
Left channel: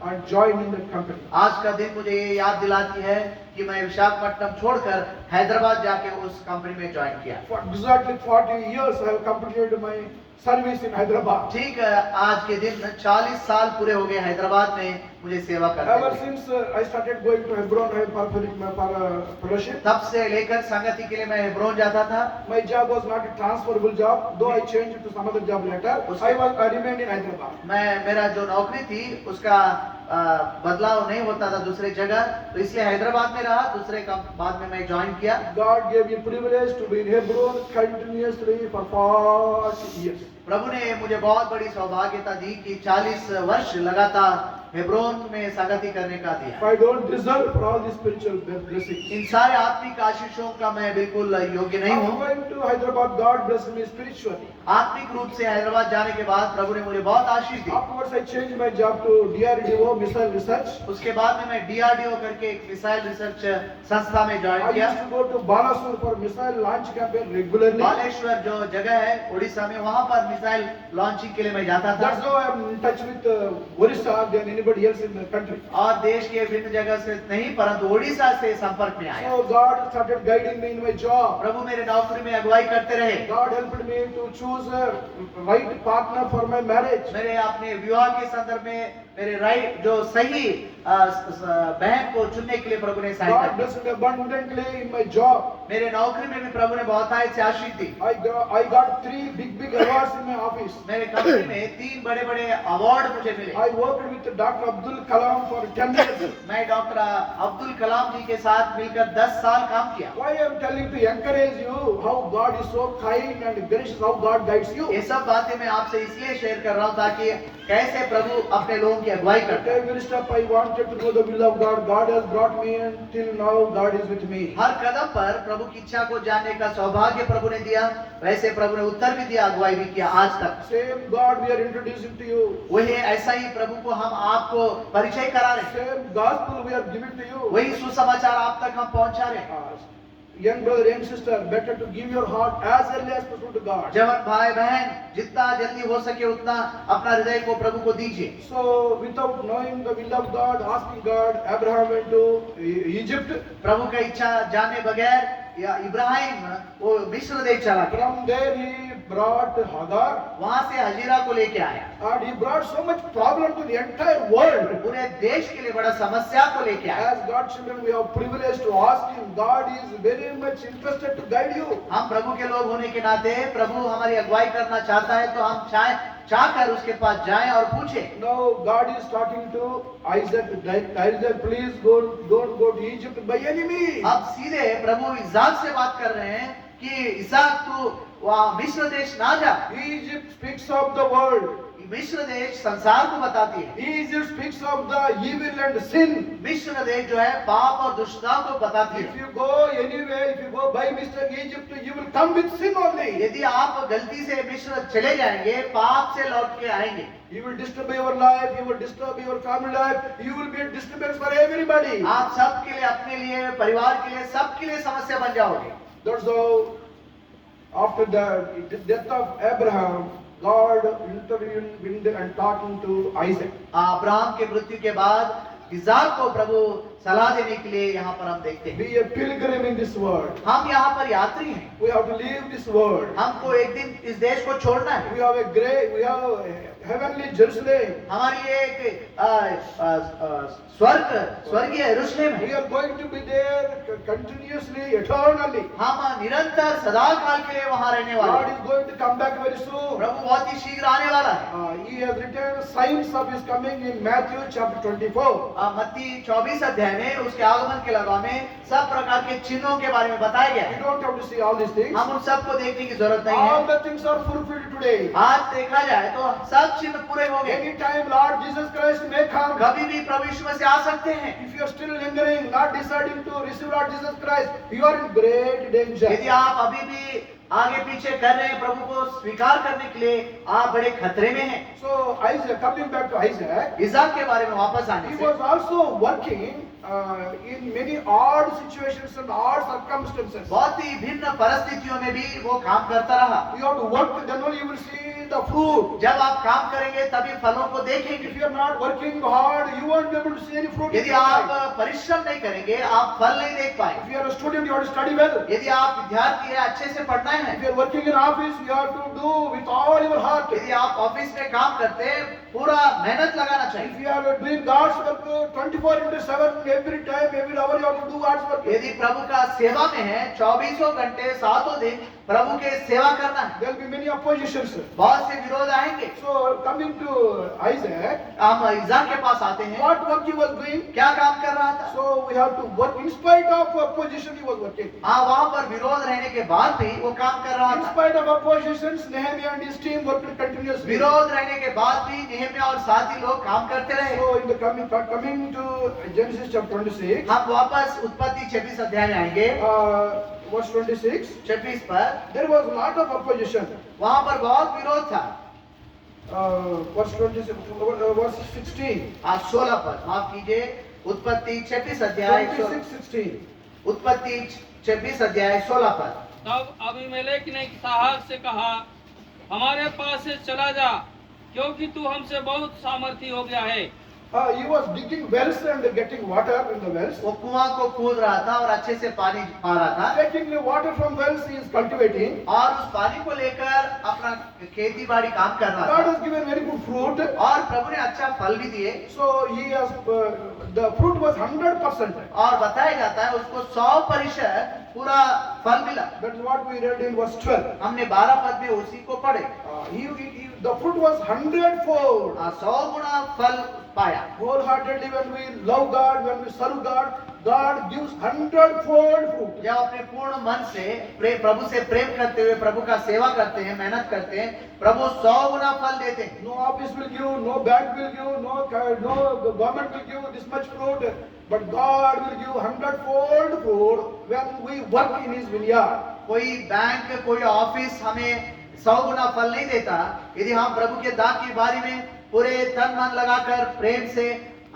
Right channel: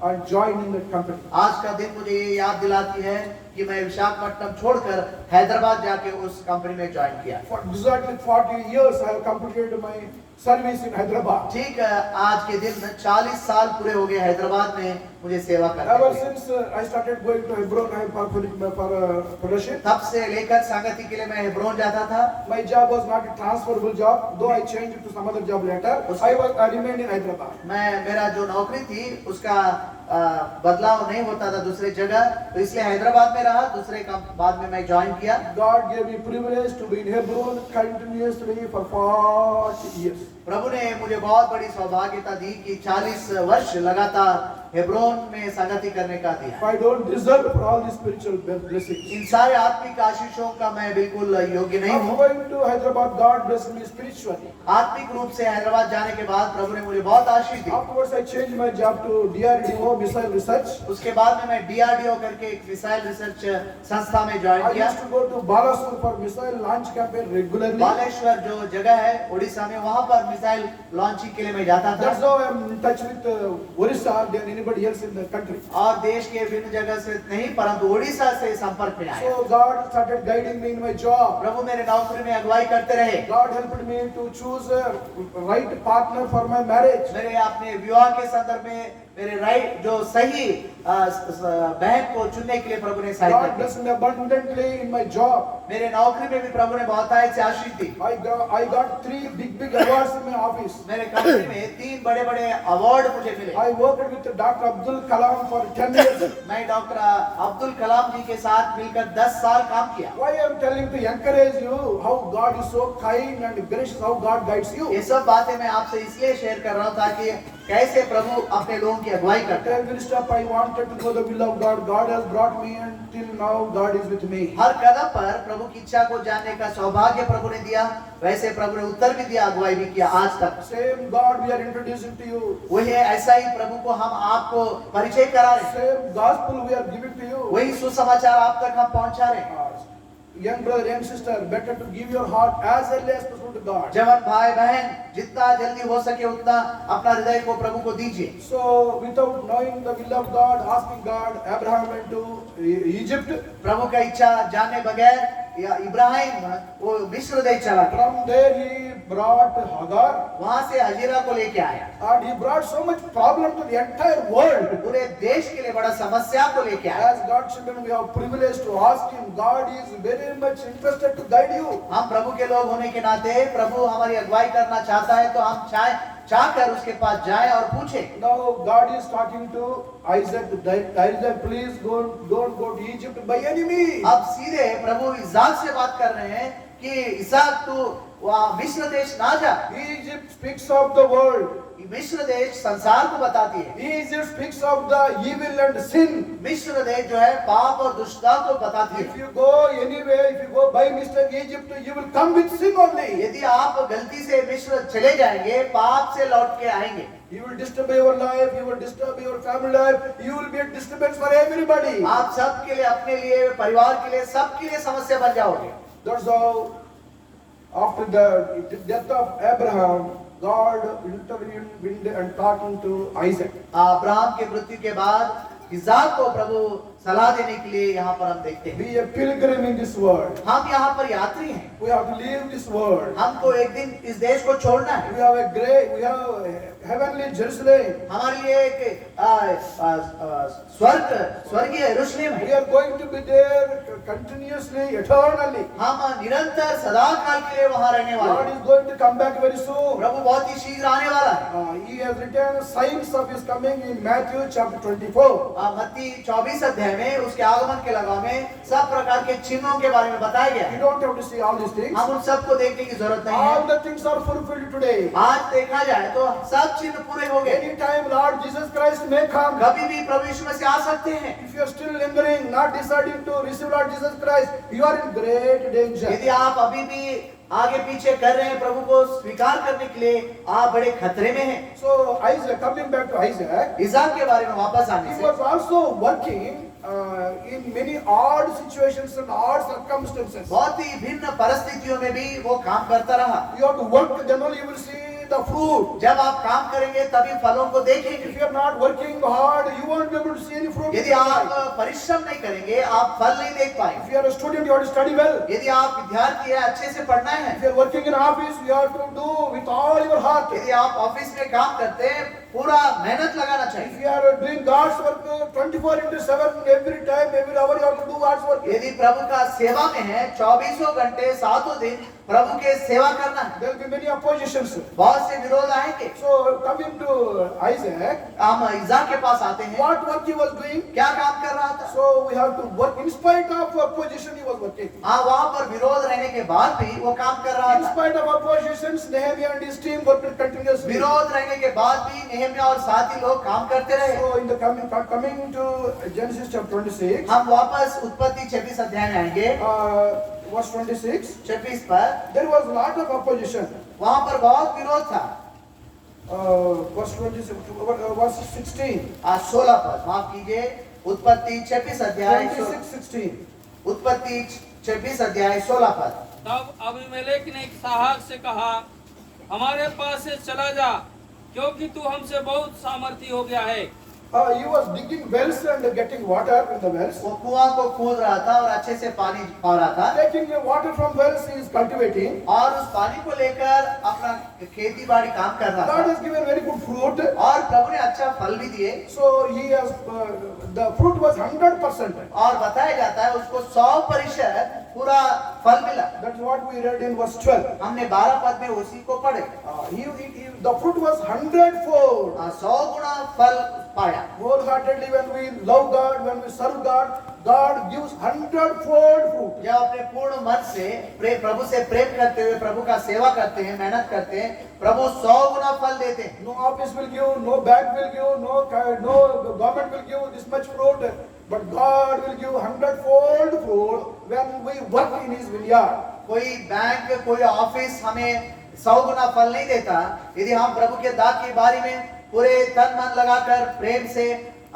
and joined in that company. आज का दिन मुझे ये याद दिलाती है कि मैं विशाखापट्टनम छोड़कर हैदराबाद जाके उस कंपनी में ज्वाइन किया। For exactly 40 years, I have completed my service in Hyderabad. ठीक आज के दिन 40 साल पूरे हो गए हैदराबाद में मुझे सेवा करते Ever हुए। since I started going to Hebron for fellowship, तब से लेकर संगति के लिए मैं हेब्रोन जाता था। my job was not a transferable job, though I changed it to some other job later. I remained in Hyderabad. मेरा जो नौकरी थी उसका बदलाव नहीं होता था दूसरे जगह, तो इसलिए हैदराबाद में रहा। दूसरे काम बाद में मैं ज्वाइन किया। God gave me privilege to be in Hebron continuously for 40 years. प्रभु ने मुझे बहुत बड़ी सौभाग्यता दी कि 40 वर्ष लगातार हेब्रोन में संगति करने का दिया। I don't deserve for all these spiritual blessings. इन सारे आत्मिक आशीषों का मैं बिल्कुल योग्य नहीं After हूँ। going to Hyderabad, God blessed me spiritually. आत्मिक रूप से हैदराबाद जाने के बाद प्रभु ने मुझे बहुत आशीष दी। Afterwards, I changed my job to DRDO, missile research. उसके बाद में मैं DRDO करके एक मिसाइल रिसर्च संस्था में I ज्वाइन किया। used to go to Balasur for missile launch campaign regularly. Baleshwar जो जगह है उड़ीसा में, वहाँ पर मिसाइल लॉन्चिंग के लिए मैं जाता That's था। how I'm in touch with Orissa than anybody else in the country. और देश के विभिन्न जगह से नहीं परंतु उड़ीसा से संपर्क में आया। So God started guiding me in my job. प्रभु मेरे नौकरी में अगुवाई करते रहे। God helped me to choose a right partner for my marriage. मेरे अपने विवाह के संदर्भ में मेरे राइट जो सही बहन को चुनने के लिए प्रभु ने सहायता God की। blessed me abundantly in my job. मेरे नौकरी में भी प्रभु ने बहुत से आशीष दी। I got 3 big awards in my office. मेरे कंपनी में 3 बड़े अवार्ड मुझे मिले। I worked with Dr. Abdul Kalam for 10 years. मैं डॉक्टर अब्दुल कलाम जी के साथ मिलकर 10 साल काम किया। Why I am telling to encourage you how God is so kind and gracious, how God guides you. ये सब बातें मैं आपसे इसलिए शेयर कर रहा हूँ ताकि कैसे प्रभु अपने लोगों की अगुवाई At करते हैं। every step I wanted to know the will of God. God has brought me and till now God is with me. हर कदम पर प्रभु की इच्छा को जानने का सौभाग्य प्रभु ने दिया, वैसे प्रभु ने उत्तर भी दिया, अगुवाई भी किया आज तक। Same God we are introducing to you. वही ऐसा ही प्रभु को हम आपको परिचय करा रहे हैं। Same gospel we are giving to you. वही सुसमाचार आप तक हम पहुंचा रहे हैं। Young brother, young sister, better to give your heart as early as possible to God. जवान भाई बहन जितना जल्दी हो सके उतना अपना हृदय को प्रभु को दीजिए। So without knowing the will of God, asking God, Abraham went to Egypt. प्रभु का इच्छा जानने बगैर या इब्राहिम वो मिस्र देश चला गया। From there he brought Hagar. वहां से हजीरा को लेके आया And he brought so much problem to the entire world. पूरे देश के लिए बड़ा समस्या को लेके आया। As God's children, we have privilege to ask Him. God is very much interested to guide you. हम प्रभु के लोग होने के नाते प्रभु हमारी अगुवाई करना चाहता है तो हम चाहकर उसके पास जाएं और पूछें। Now God is talking to Isaac. Isaac, please don't go to Egypt by any means. अब सीधे प्रभु इसाक से बात कर रहे हैं कि इसाक तू वहाँ मिस्र देश ना जा। Egypt speaks of the world. मिस्र देश संसार को बताती है। Egypt speaks of the evil and sin. मिस्र देश जो है पाप और दुष्टता को बताती If है। you go anywhere, if you go by mistake Egypt, you will come with sin only. यदि आप गलती से मिस्र चले जाएंगे पाप से लौट के आएंगे। You will disturb your life, you will disturb your family life, you will be a disturbance for everybody. आप सबके लिए, अपने लिए, परिवार के लिए, सबके लिए समस्या बन जाओगे। That's how after the death of Abraham, God intervened and talking to Isaac. Abraham के मृत्यु के बाद इसाक को प्रभु सलाह देने के लिए यहाँ पर हम देखते हैं। Be a pilgrim in this world. हम यहाँ पर यात्री हैं। We have to leave this world. हमको एक दिन इस देश को छोड़ना है। We have a heavenly Jerusalem. हमारे लिए एक स्वर्गीय यरूशलेम We है। are going to be there continuously, eternally. हम निरंतर सदा काल के लिए वहाँ रहने वाले God हैं। is going to come back very soon. प्रभु बहुत ही शीघ्र आने वाला है। He has written signs of his coming in Matthew chapter 24. मत्ती 24 अध्याय में उसके आगमन के लगवा में सब प्रकार के चिन्हों के बारे में बताया गया You है। don't have to see all these things. हम उन सबको देखने की जरूरत नहीं All है। the things are fulfilled today. आज देखा जाए तो सब चिन्ह पूरे हो गए। Anytime Lord Jesus Christ may come. कभी भी प्रभु यीशु मसीह आ सकते हैं। If you are still lingering, not deciding to receive Lord Jesus Christ, you are in great danger. यदि आप अभी भी आगे पीछे कर रहे हैं प्रभु को स्वीकार करने के लिए, आप बड़े खतरे में हैं। So Isaac, coming back to Isaac, Isaac के बारे में वापस आने he से was also working in many odd situations and odd circumstances. बहुत ही भिन्न परिस्थितियों में भी वो काम करता रहा। You have to work, then only you will see the fruit. जब आप काम करेंगे तभी फलों को देखेंगे। If you are not working hard, you won't be able to see any fruit. in यदि your आप life. परिश्रम नहीं करेंगे आप फल नहीं देख पाएंगे। If you are a student, you have to study well. यदि आप विद्यार्थी है अच्छे से पढ़ना है। If you are working in office, you have to do with all your heart. यदि आप ऑफिस में काम करते हैं पूरा मेहनत लगाना If चाहिए। you are doing God's work 24/7, every time, every hour, you have to do God's work. यदि प्रभु का सेवा में है 24 घंटे 7 दिन प्रभु के सेवा करना है। There will be many oppositions. बहुत से विरोध आएंगे। So coming to Isaac, हम इसहाक के पास आते हैं। what work he was doing? क्या काम कर रहा था? So we have to work in spite of opposition. He was working. हाँ वहाँ पर विरोध रहने के बाद भी वो काम कर रहा In था। spite of oppositions, Nehemiah and his team worked continuously. विरोध रहने के बाद भी नेहम्याह और साथी लोग काम करते रहे। So in the coming to Genesis chapter 26, हम वापस उत्पत्ति 26 अध्याय में आएंगे। verse 26, 26 पर there was a lot of opposition. वहाँ पर बहुत विरोध था। Verse 26, verse 16, 16 पर माफ कीजिए उत्पत्ति 26 अध्याय 26:16. उत्पत्ति 26 अध्याय 16 पर। तब अबीमेलेक ने इसहाक से कहा, हमारे पास से चला जा, क्योंकि तू हमसे बहुत सामर्थी हो गया है। He was digging wells and getting water in the wells. वो कुआं को खोद रहा था और अच्छे से पानी पा रहा था Taking the water from wells, he is cultivating. और उस पानी को लेकर अपना खेती बाड़ी काम कर रहा God था has given very good fruit. और प्रभु ने अच्छा फल भी दिए। So he has, the fruit was 100%. और बताया जाता है उसको 100% पूरा फल मिला। That's what we read in verse 12. हमने 12 पद में उसी को पढ़े। The fruit was 100-fold. 100 गुना फल पाया। Wholeheartedly, when we love God, when we serve God, God gives 100-fold fruit. जब अपने पूर्ण मन से प्रभु से प्रेम करते हुए प्रभु का सेवा करते हैं मेहनत करते हैं प्रभु 100 गुना फल देते हैं। No office will give, no bank will give, no government will give this much fruit, but God will give 100-fold fruit when we work in His vineyard. कोई बैंक कोई ऑफिस हमें 100 गुना फल नहीं देता यदि हम प्रभु के दाग के बारे में पूरे तन मन लगाकर प्रेम से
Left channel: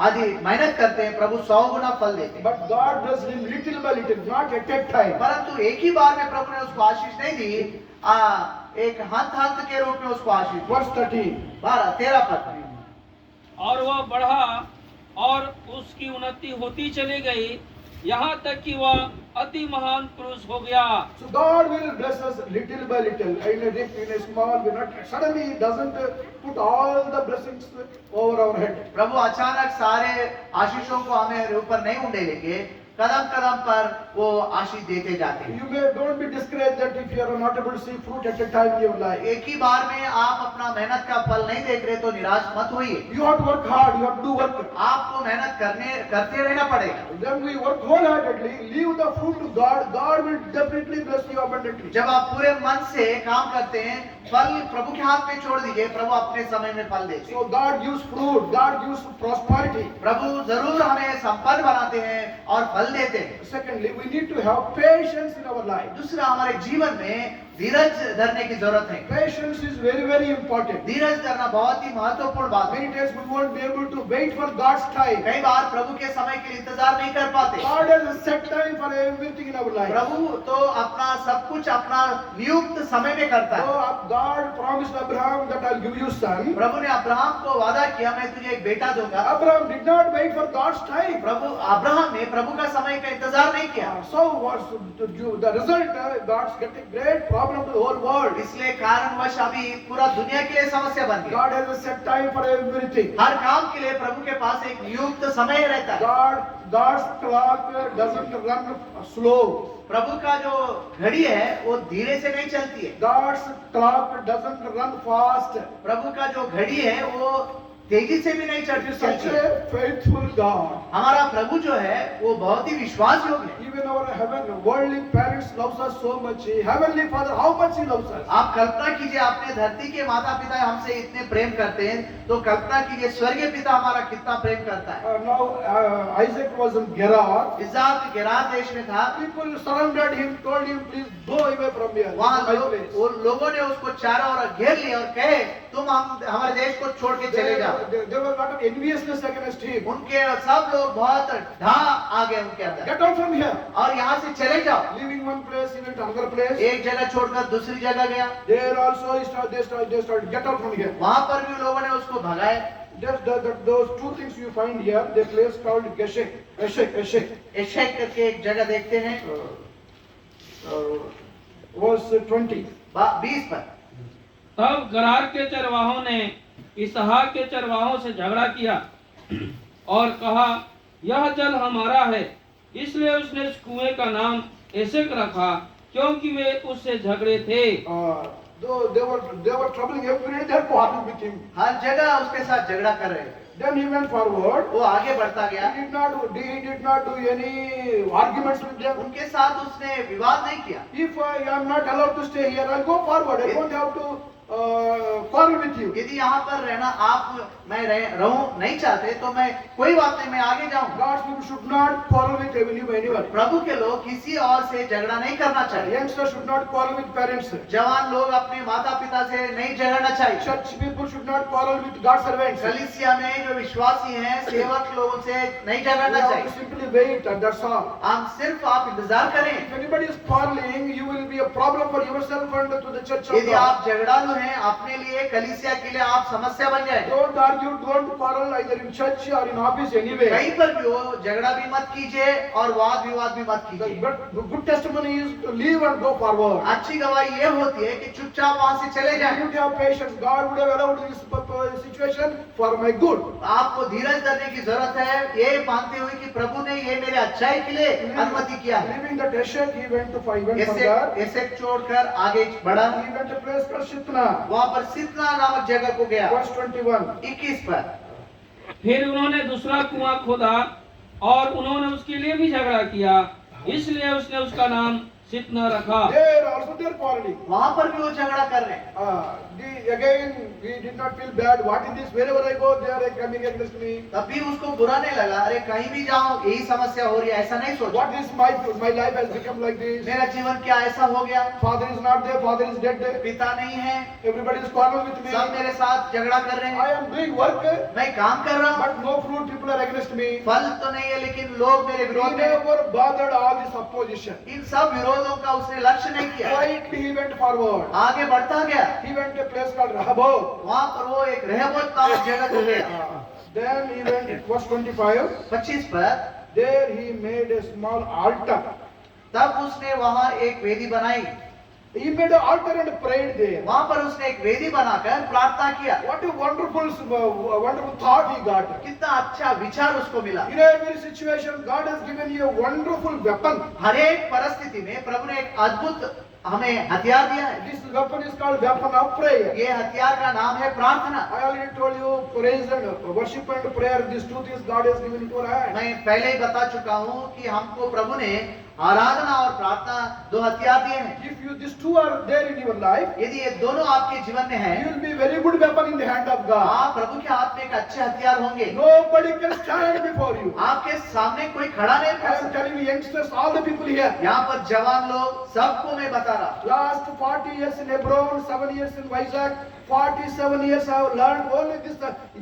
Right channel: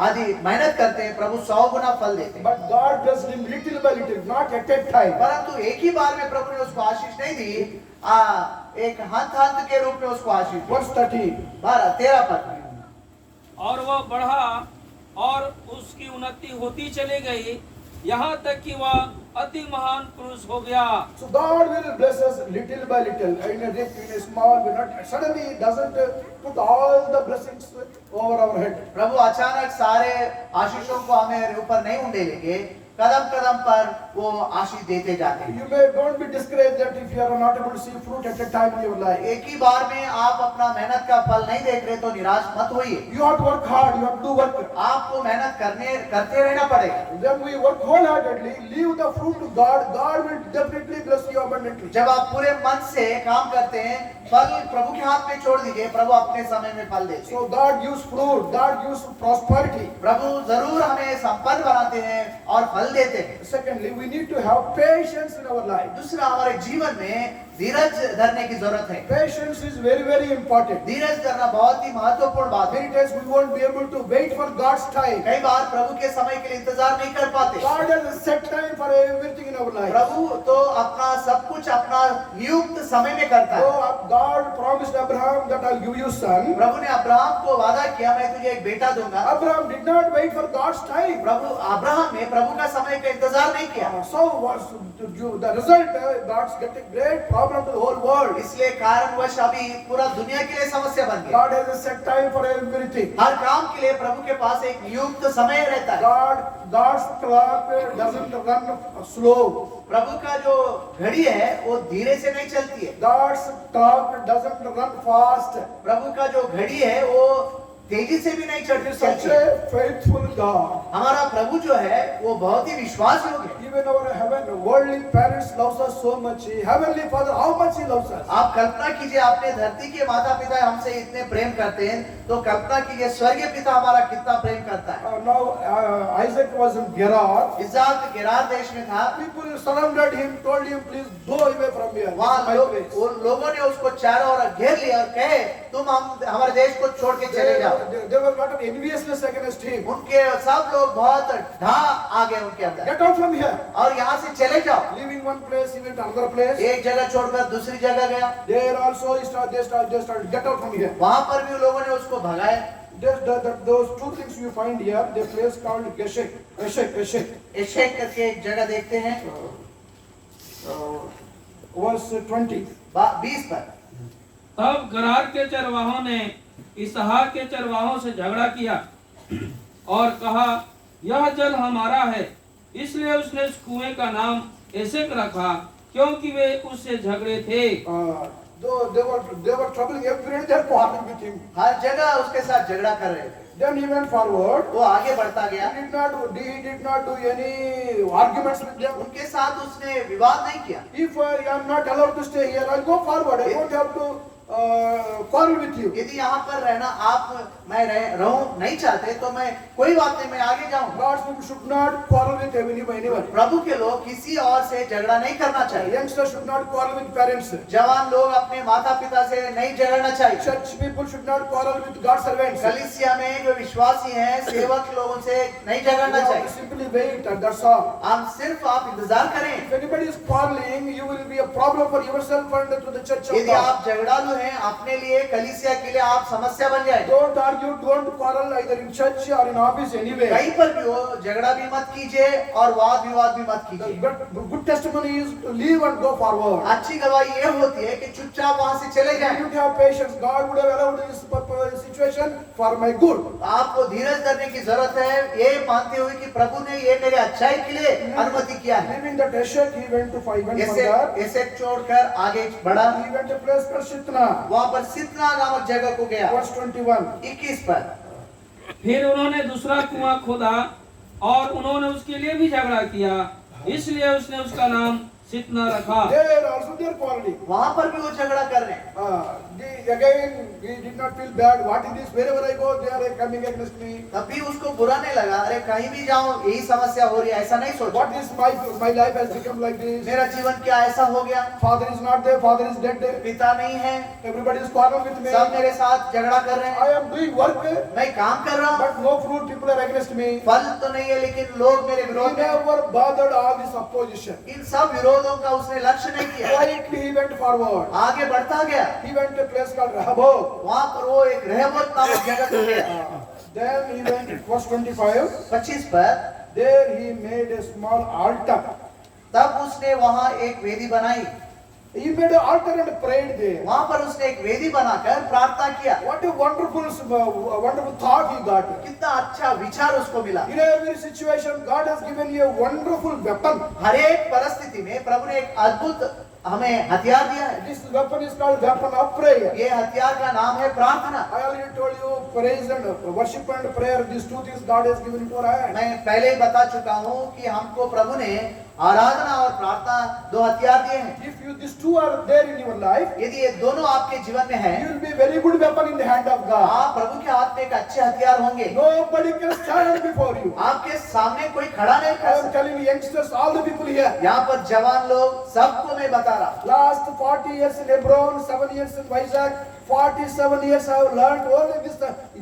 आदि मेहनत करते हैं प्रभु 100 गुना फल देते हैं। But God does him little by little, not at a time. परंतु एक ही बार में प्रभु ने उसको आशीष नहीं दी एक हंत के रूप में उसको आशीष दी। Verse 13. 13 पद। और वह बढ़ा और उसकी उन्नति होती चली गई, यहाँ तक कि वह अति महान पुरुष हो गया। So God will bless us little by little, in a rich, in a small. We not suddenly He doesn't put all the blessings over our head. प्रभु अचानक सारे आशीषों को हमें ऊपर नहीं उंडेलेंगे, कदम कदम पर वो आशीष देते जाते हैं। You may don't be discouraged that if you are not able to see fruit at a time in your life. एक ही बार में आप अपना मेहनत का फल नहीं देख रहे तो निराश मत होइए। You have to work hard. You have to do work. आपको मेहनत करते रहना पड़ेगा। Then we work wholeheartedly. Leave the fruit to God. God will definitely bless you abundantly. जब आप पूरे मन से काम करते हैं फल प्रभु के हाथ में छोड़ दीजिए, प्रभु अपने समय में फल देते हैं। So God gives fruit. God gives prosperity. प्रभु जरूर हमें संपन्न बनाते हैं और फल देते हैं। Secondly, we need to have patience in our life. दूसरा हमारे जीवन में धीरज धरने की जरूरत है। Patience is very, very important. धीरज धरना बहुत ही महत्वपूर्ण बात है। Many times we won't be able to wait for God's time. कई बार प्रभु के समय के लिए इंतजार नहीं कर पाते। God has a set time for everything in our life. प्रभु तो अपना सब कुछ अपना नियुक्त समय में करता है। So God promised Abraham that I'll give you son. प्रभु ने अब्राहम को वादा किया मैं तुझे एक बेटा दूंगा। Abraham did not wait for God's time. Prabhu Abraham ने प्रभु का समय का इंतजार नहीं किया। So the result, God's getting great problem to the whole world. इसलिए कारणवश अभी पूरा दुनिया के लिए समस्या बन गई। God has a set time for everything. हर काम के लिए प्रभु के पास एक नियुक्त समय रहता है। God's clock doesn't run slow. प्रभु का जो घड़ी है वो धीरे से नहीं चलती है। God's clock doesn't run fast. प्रभु का जो घड़ी है वो तेजी से भी नहीं चलती Such है। a faithful God. हमारा प्रभु जो है वो बहुत ही विश्वास योग्य है। Even our worldly parents loves us so much. Heavenly Father, how much He loves us. आप कल्पना कीजिए अपने धरती के माता पिता हमसे इतने प्रेम करते हैं तो कल्पना कीजिए स्वर्गीय पिता हमारा कितना प्रेम करता है। Now Isaac was in Gerar. इस्हाक गेरार देश में था। People surrounded him, told him, please go away from here. This वहाँ is my place. उन लोगों ने उसको चारों ओर घेर लिया और कहे तुम हमारे देश को छोड़ के चले जाओ। There was a lot of enviousness against him. उनके सब लोग बहुत ढा आ गए उनके अंदर, Get out from here. और यहाँ से चले जाओ। Leaving one place, he went to another place. एक जगह छोड़कर दूसरी जगह गया, There also they started, get out from here. वहां पर भी लोगों ने उसको भगाया। Those two things you find here, the place called Eshek. एशेक करके एक जगह देखते हैं, Verse 20. 20 पर। तब गरार के चरवाहों ने इसहाक के चरवाहों से झगड़ा किया और कहा, यह जल हमारा है। इसलिए उसने उस कुएं का नाम एशेक रखा, क्योंकि वे उससे झगड़े थे। Though they were troubling everywhere, they were quarreling with him. हर जगह उसके साथ झगड़ा कर रहे थे। Then he went forward. वो आगे बढ़ता गया, He did not do any arguments with them. उनके साथ उसने विवाद नहीं किया। If I am not allowed to stay here, I'll go forward. I don't have to quarrel with you. यदि यहाँ पर रहना आप मैं रहूं नहीं चाहते तो मैं कोई बात नहीं, मैं आगे जाऊं। God's people should not quarrel with anyone. प्रभु के लोग किसी और से झगड़ा नहीं करना चाहिए। Youngsters should not quarrel with parents. जवान लोग अपने माता पिता से नहीं झगड़ना चाहिए। Church people should not quarrel with God's servants. कलीसिया में जो विश्वासी हैं, सेवक लोगों से नहीं We झगड़ना have to चाहिए। simply wait, and that's all. हम सिर्फ आप इंतजार करें। If anybody is quarreling, you will be a problem for yourself and to the church of यदि God. आप झगड़ालू हैं, अपने लिए कलीसिया के लिए आप समस्या बन जाएंगे। Don't argue, don't quarrel either in church or in office anyway. कहीं पर भी हो, झगड़ा भी मत कीजिए और वाद विवाद भी मत The कीजिए। good testimony is to leave and go forward. अच्छी गवाही ये होती है कि चुपचाप वहां से चले जाएं। You have patience. God would have allowed this situation for my good. आपको धीरज धरने की जरूरत है, ये मानते हुए कि प्रभु ने ये मेरे अच्छाई के लिए अनुमति किया है। Leaving the Eshek, he went further. ऐसे छोड़कर आगे बढ़ा, He went to a place called Shitna. वहां पर सितना नामक जगह को गया। Verse 21. 21 पर। फिर उन्होंने दूसरा कुआं खोदा और उन्होंने उसके लिए भी झगड़ा किया, इसलिए उसने उसका नाम सितना रखा। There also they are quarreling. वहां पर भी वो झगड़ा कर रहे हैं। Again, he did not feel bad. What is this? Wherever I go, they are coming against me. तभी उसको बुरा नहीं लगा, अरे कहीं भी जाऊं यही समस्या हो रही है, ऐसा नहीं सोचा। What is my life has become like this? मेरा जीवन क्या ऐसा हो गया? Father is not there. Father is dead. पिता नहीं है, Everybody is quarreling with me. सब मेरे साथ झगड़ा कर रहे I हैं। am doing work, मैं काम कर रहा हूँ, but no fruit. People are against me. फल तो नहीं है, लेकिन लोग मेरे He विरोध में। never bothered all this opposition. इन सब विरोधों का उसने लक्ष्य नहीं किया, Quietly he went forward. आगे बढ़ता गया। He went to a place called Rehoboth. वहां पर वो एक रहमत नामक जगह को गया। Then he went, verse 25. 25 पर। There he made a small altar. तब उसने वहां एक वेदी बनाई, He made an altar and prayed there. वहां पर उसने एक वेदी बनाकर प्रार्थना किया। What a wonderful thought he got. कितना अच्छा विचार उसको मिला। In every situation, God has given you a wonderful weapon. हर एक परिस्थिति में प्रभु ने एक अद्भुत हमें हथियार दिया है। This weapon is called weapon of prayer. ये हथियार का नाम है प्रार्थना। I already told you, praise and worship and prayer, these two things God has given into our hand. मैं पहले ही बता चुका हूँ कि हमको प्रभु ने आराधना और प्रार्थना दो हथियार दिए हैं। If these two are there in your life, यदि ये दोनों आपके जीवन में है, you will be a very good weapon in the hand of God. आप प्रभु के हाथ में एक अच्छे हथियार होंगे। Nobody can stand before you. आपके सामने कोई खड़ा नहीं I कर am सकता। telling you, youngsters, all the people here. यहाँ पर जवान लोग सबको मैं बता रहा हूँ। Last 40 years in Hebron, 7 years in Vizag, 47 years I have learned only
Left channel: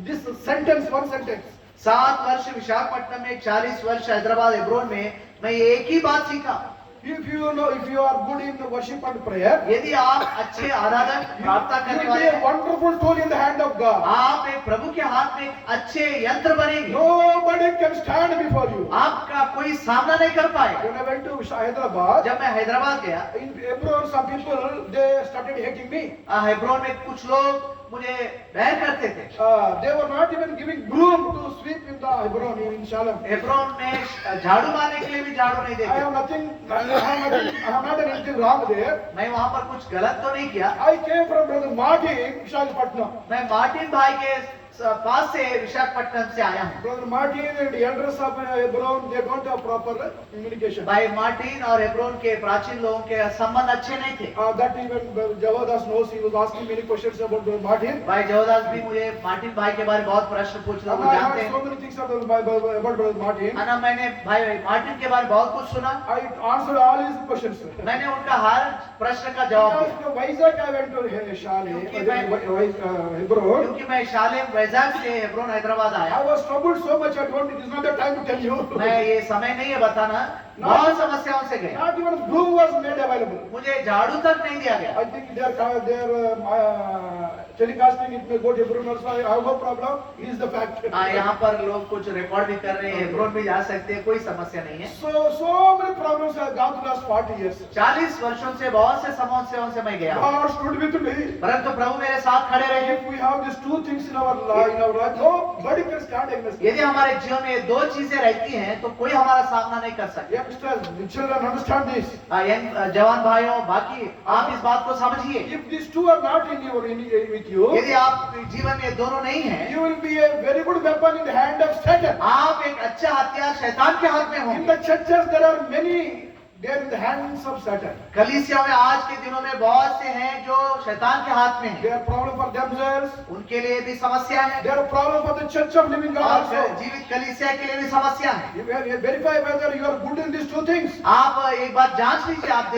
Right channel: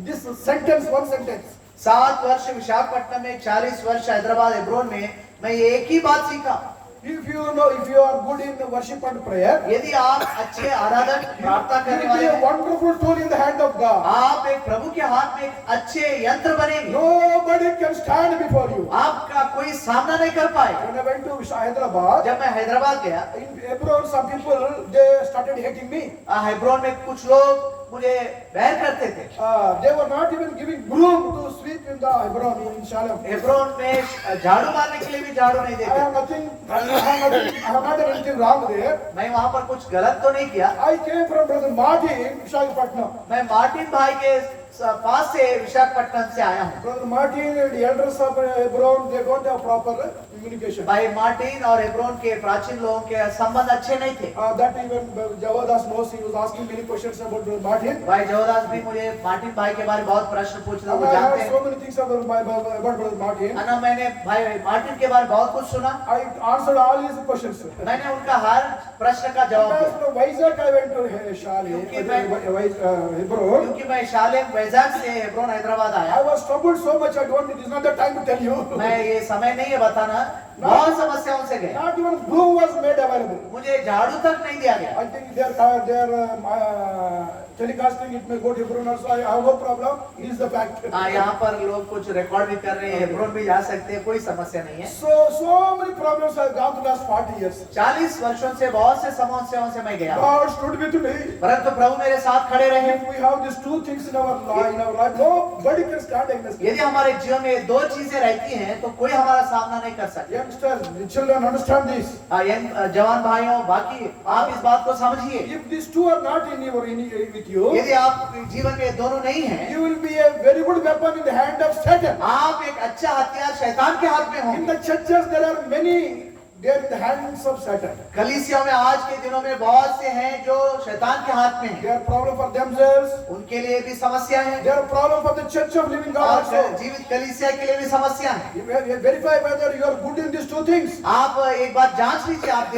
this sentence, one sentence. 7 वर्ष विशाखापट्टनम में, 40 वर्ष हैदराबाद हेब्रोन में मैं एक ही बात सीखा। If you are good in worship and prayer, यदि आप अच्छे आराधक प्रार्थना you करने will be वाले a हैं, wonderful tool in the hand of God. आप एक प्रभु के हाथ में एक अच्छे यंत्र बनेंगे। Nobody can stand before you. आपका कोई सामना नहीं कर पाएगा। When I went to Hyderabad, जब मैं हैदराबाद गया, in Hebron, some people, they started hating me. Hebron में कुछ लोग मुझे बैर करते थे। They were not even giving broom to sweep in the Hebron, in Shalem. Hebron में झाड़ू मारने के लिए भी झाड़ू नहीं I देते। have not done anything wrong there. मैं वहाँ पर कुछ गलत तो नहीं किया। I came from Brother Martin, Visakhapatnam. मैं मार्टिन भाई के पास से विशाखापट्टनम से आया हूँ। Brother Martin and the elders of Hebron, they don't have proper communication. भाई मार्टिन और हेब्रोन के प्राचीन लोगों के संबंध अच्छे नहीं थे। That even Javadas knows. He was asking many questions about Brother Martin. भाई जवदास भी मुझे मार्टिन भाई के बारे में बहुत प्रश्न पूछ रहे, And वो I जानते heard हैं। so many things about Brother Martin. है ना, मैंने भाई मार्टिन के बारे में बहुत कुछ सुना। I answered all his questions. मैंने उनका हर प्रश्न का जवाब Because दिया। from Vizag I went to Shalem, Hebron. क्योंकि मैं शालेम वैजाग से हेब्रोन हैदराबाद I आया। was troubled so much, I don't, it is not the time to tell you. मैं ये समय नहीं है बताना, बहुत समस्याओं से गया। Not even broom was made available. मुझे झाड़ू तक नहीं दिया गया। I think they are telecasting, it may go to Hebron also. I have no problem. It is the fact. हाँ, यहाँ पर लोग कुछ रिकॉर्ड भी कर रहे हैं, हेब्रोन भी जा सकते हैं, कोई समस्या नहीं है। So many problems have gone through last 40 years. 40 वर्षों से बहुत से समस्याओं से मैं गया। God stood with me. परंतु प्रभु मेरे साथ खड़े रहे। If we have these two things in our life, nobody can stand against it. यदि हमारे जीवन में ये दो चीजें रहती हैं, तो कोई हमारा सामना नहीं कर सकता। Youngsters, the children understand this. जवान भाइयों, बाकी आप इस बात को समझिए। If these two are not with you, यदि आप जीवन में दोनों नहीं हैं, you will be a very good weapon in the hand of Satan. आप एक अच्छा हथियार शैतान के हाथ में In होंगे। the churches, there are many. They are in the hands of Satan. कलीसिया में आज के दिनों में बहुत से हैं जो शैतान के हाथ में हैं। They are problem for themselves. उनके लिए भी समस्या है They are a problem for the church of living God और also. जीवित कलीसिया के लिए भी समस्या है। You verify whether you are good in these two things. आप एक बार जांच लीजिए, आप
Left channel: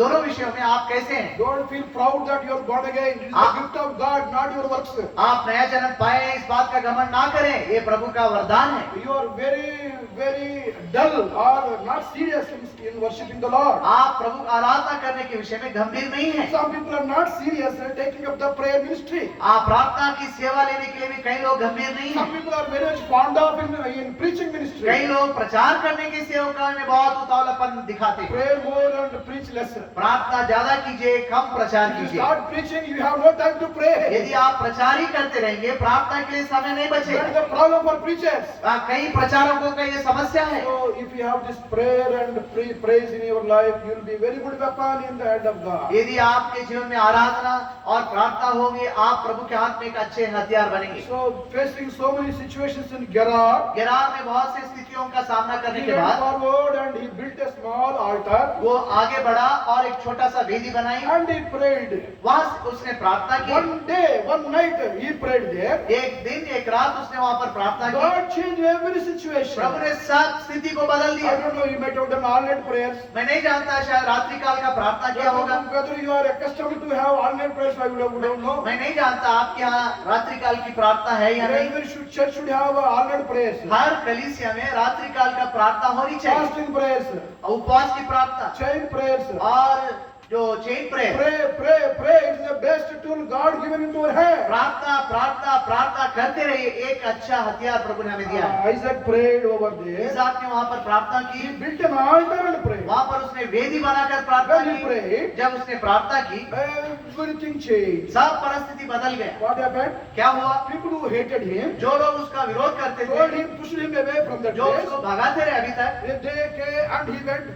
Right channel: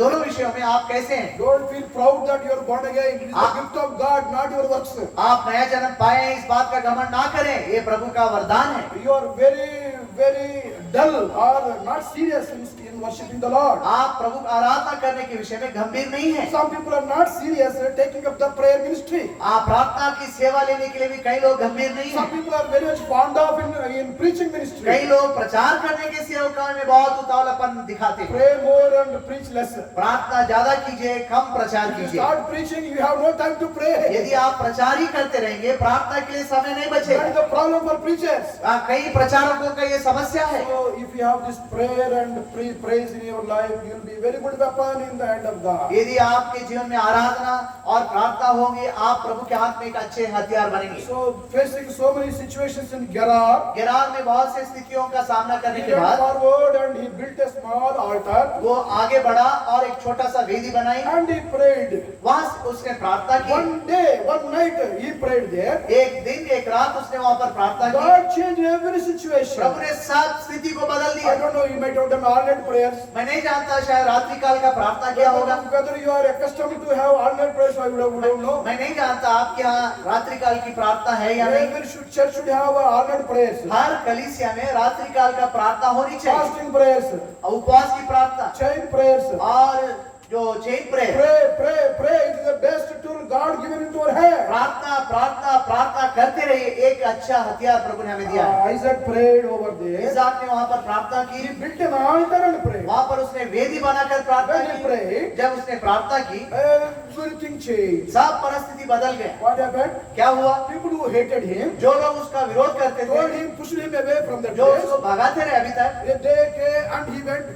दोनों विषयों में आप कैसे हैं। Don't feel proud that you are born again. It is the gift of God, not your works. आप नया जन्म पाए हैं, इस बात का घमंड ना करें, ये प्रभु का वरदान है। You are very dull or not serious in worshiping the Lord. आप प्रभु का आराधना करने के विषय में गंभीर नहीं है। Some people are not serious in taking up the prayer ministry. आप प्रार्थना की सेवा लेने के लिए भी कई लोग गंभीर नहीं Some हैं। people are very much fond of in preaching ministry. कई लोग प्रचार करने की सेवा में बहुत उतावलापन दिखाते हैं। Pray more and preach less. प्रार्थना ज्यादा कीजिए, कम प्रचार If you कीजिए। start preaching, you have no time to pray. यदि आप प्रचार ही करते रहेंगे, प्रार्थना के लिए समय नहीं That is बचेगा। the problem for preachers. कई प्रचारकों का ये समस्या है। So if you have this prayer and praise in your life, you will be very good weapon in the hand of God. यदि आपके जीवन में आराधना और प्रार्थना होगी, आप प्रभु के हाथ में एक अच्छे हथियार बनेंगे। So facing so many situations in Gerar, गिरार में बहुत सी स्थितियों का सामना करने he के went बाद forward and he built a small altar वो आगे बढ़ा और एक छोटा सा वेदी बनाई। and he prayed. वहां उसने प्रार्थना की। One day, one night, he prayed there. एक दिन एक रात उसने वहां पर प्रार्थना की। God changed every situation. प्रभु ने सब स्थिति को बदल I दिया। don't know, you might have done all night prayers. मैं नहीं जानता, शायद रात्रि काल का प्रार्थना किया होगा। Whether you are accustomed to have all night prayers, I don't know. मैं नहीं जानता आपके यहाँ रात्रि काल की प्रार्थना है या नहीं। Every church should have all night prayers. हर कलीसिया में रात्रि काल का प्रार्थना होनी चाहिए। Fasting prayers, उपवास की प्रार्थना chain prayers. और जो chain prayer, Pray. It is the best tool God given into our hand. प्रार्थना करते रहिए। एक अच्छा हथियार प्रभु ने हमें दिया है। Isaac prayed over there. इसहाक ने वहां पर प्रार्थना He की। built an altar and prayed. वहां पर उसने वेदी बनाकर प्रार्थना When he की। prayed, जब उसने प्रार्थना की, everything changed. सब परिस्थिति बदल गया। What happened? क्या हुआ? People who hated him जो लोग उसका विरोध करते told थे, him, pushed him away from the जो place. उसको भगाते रहे अभी तक, They came and he went.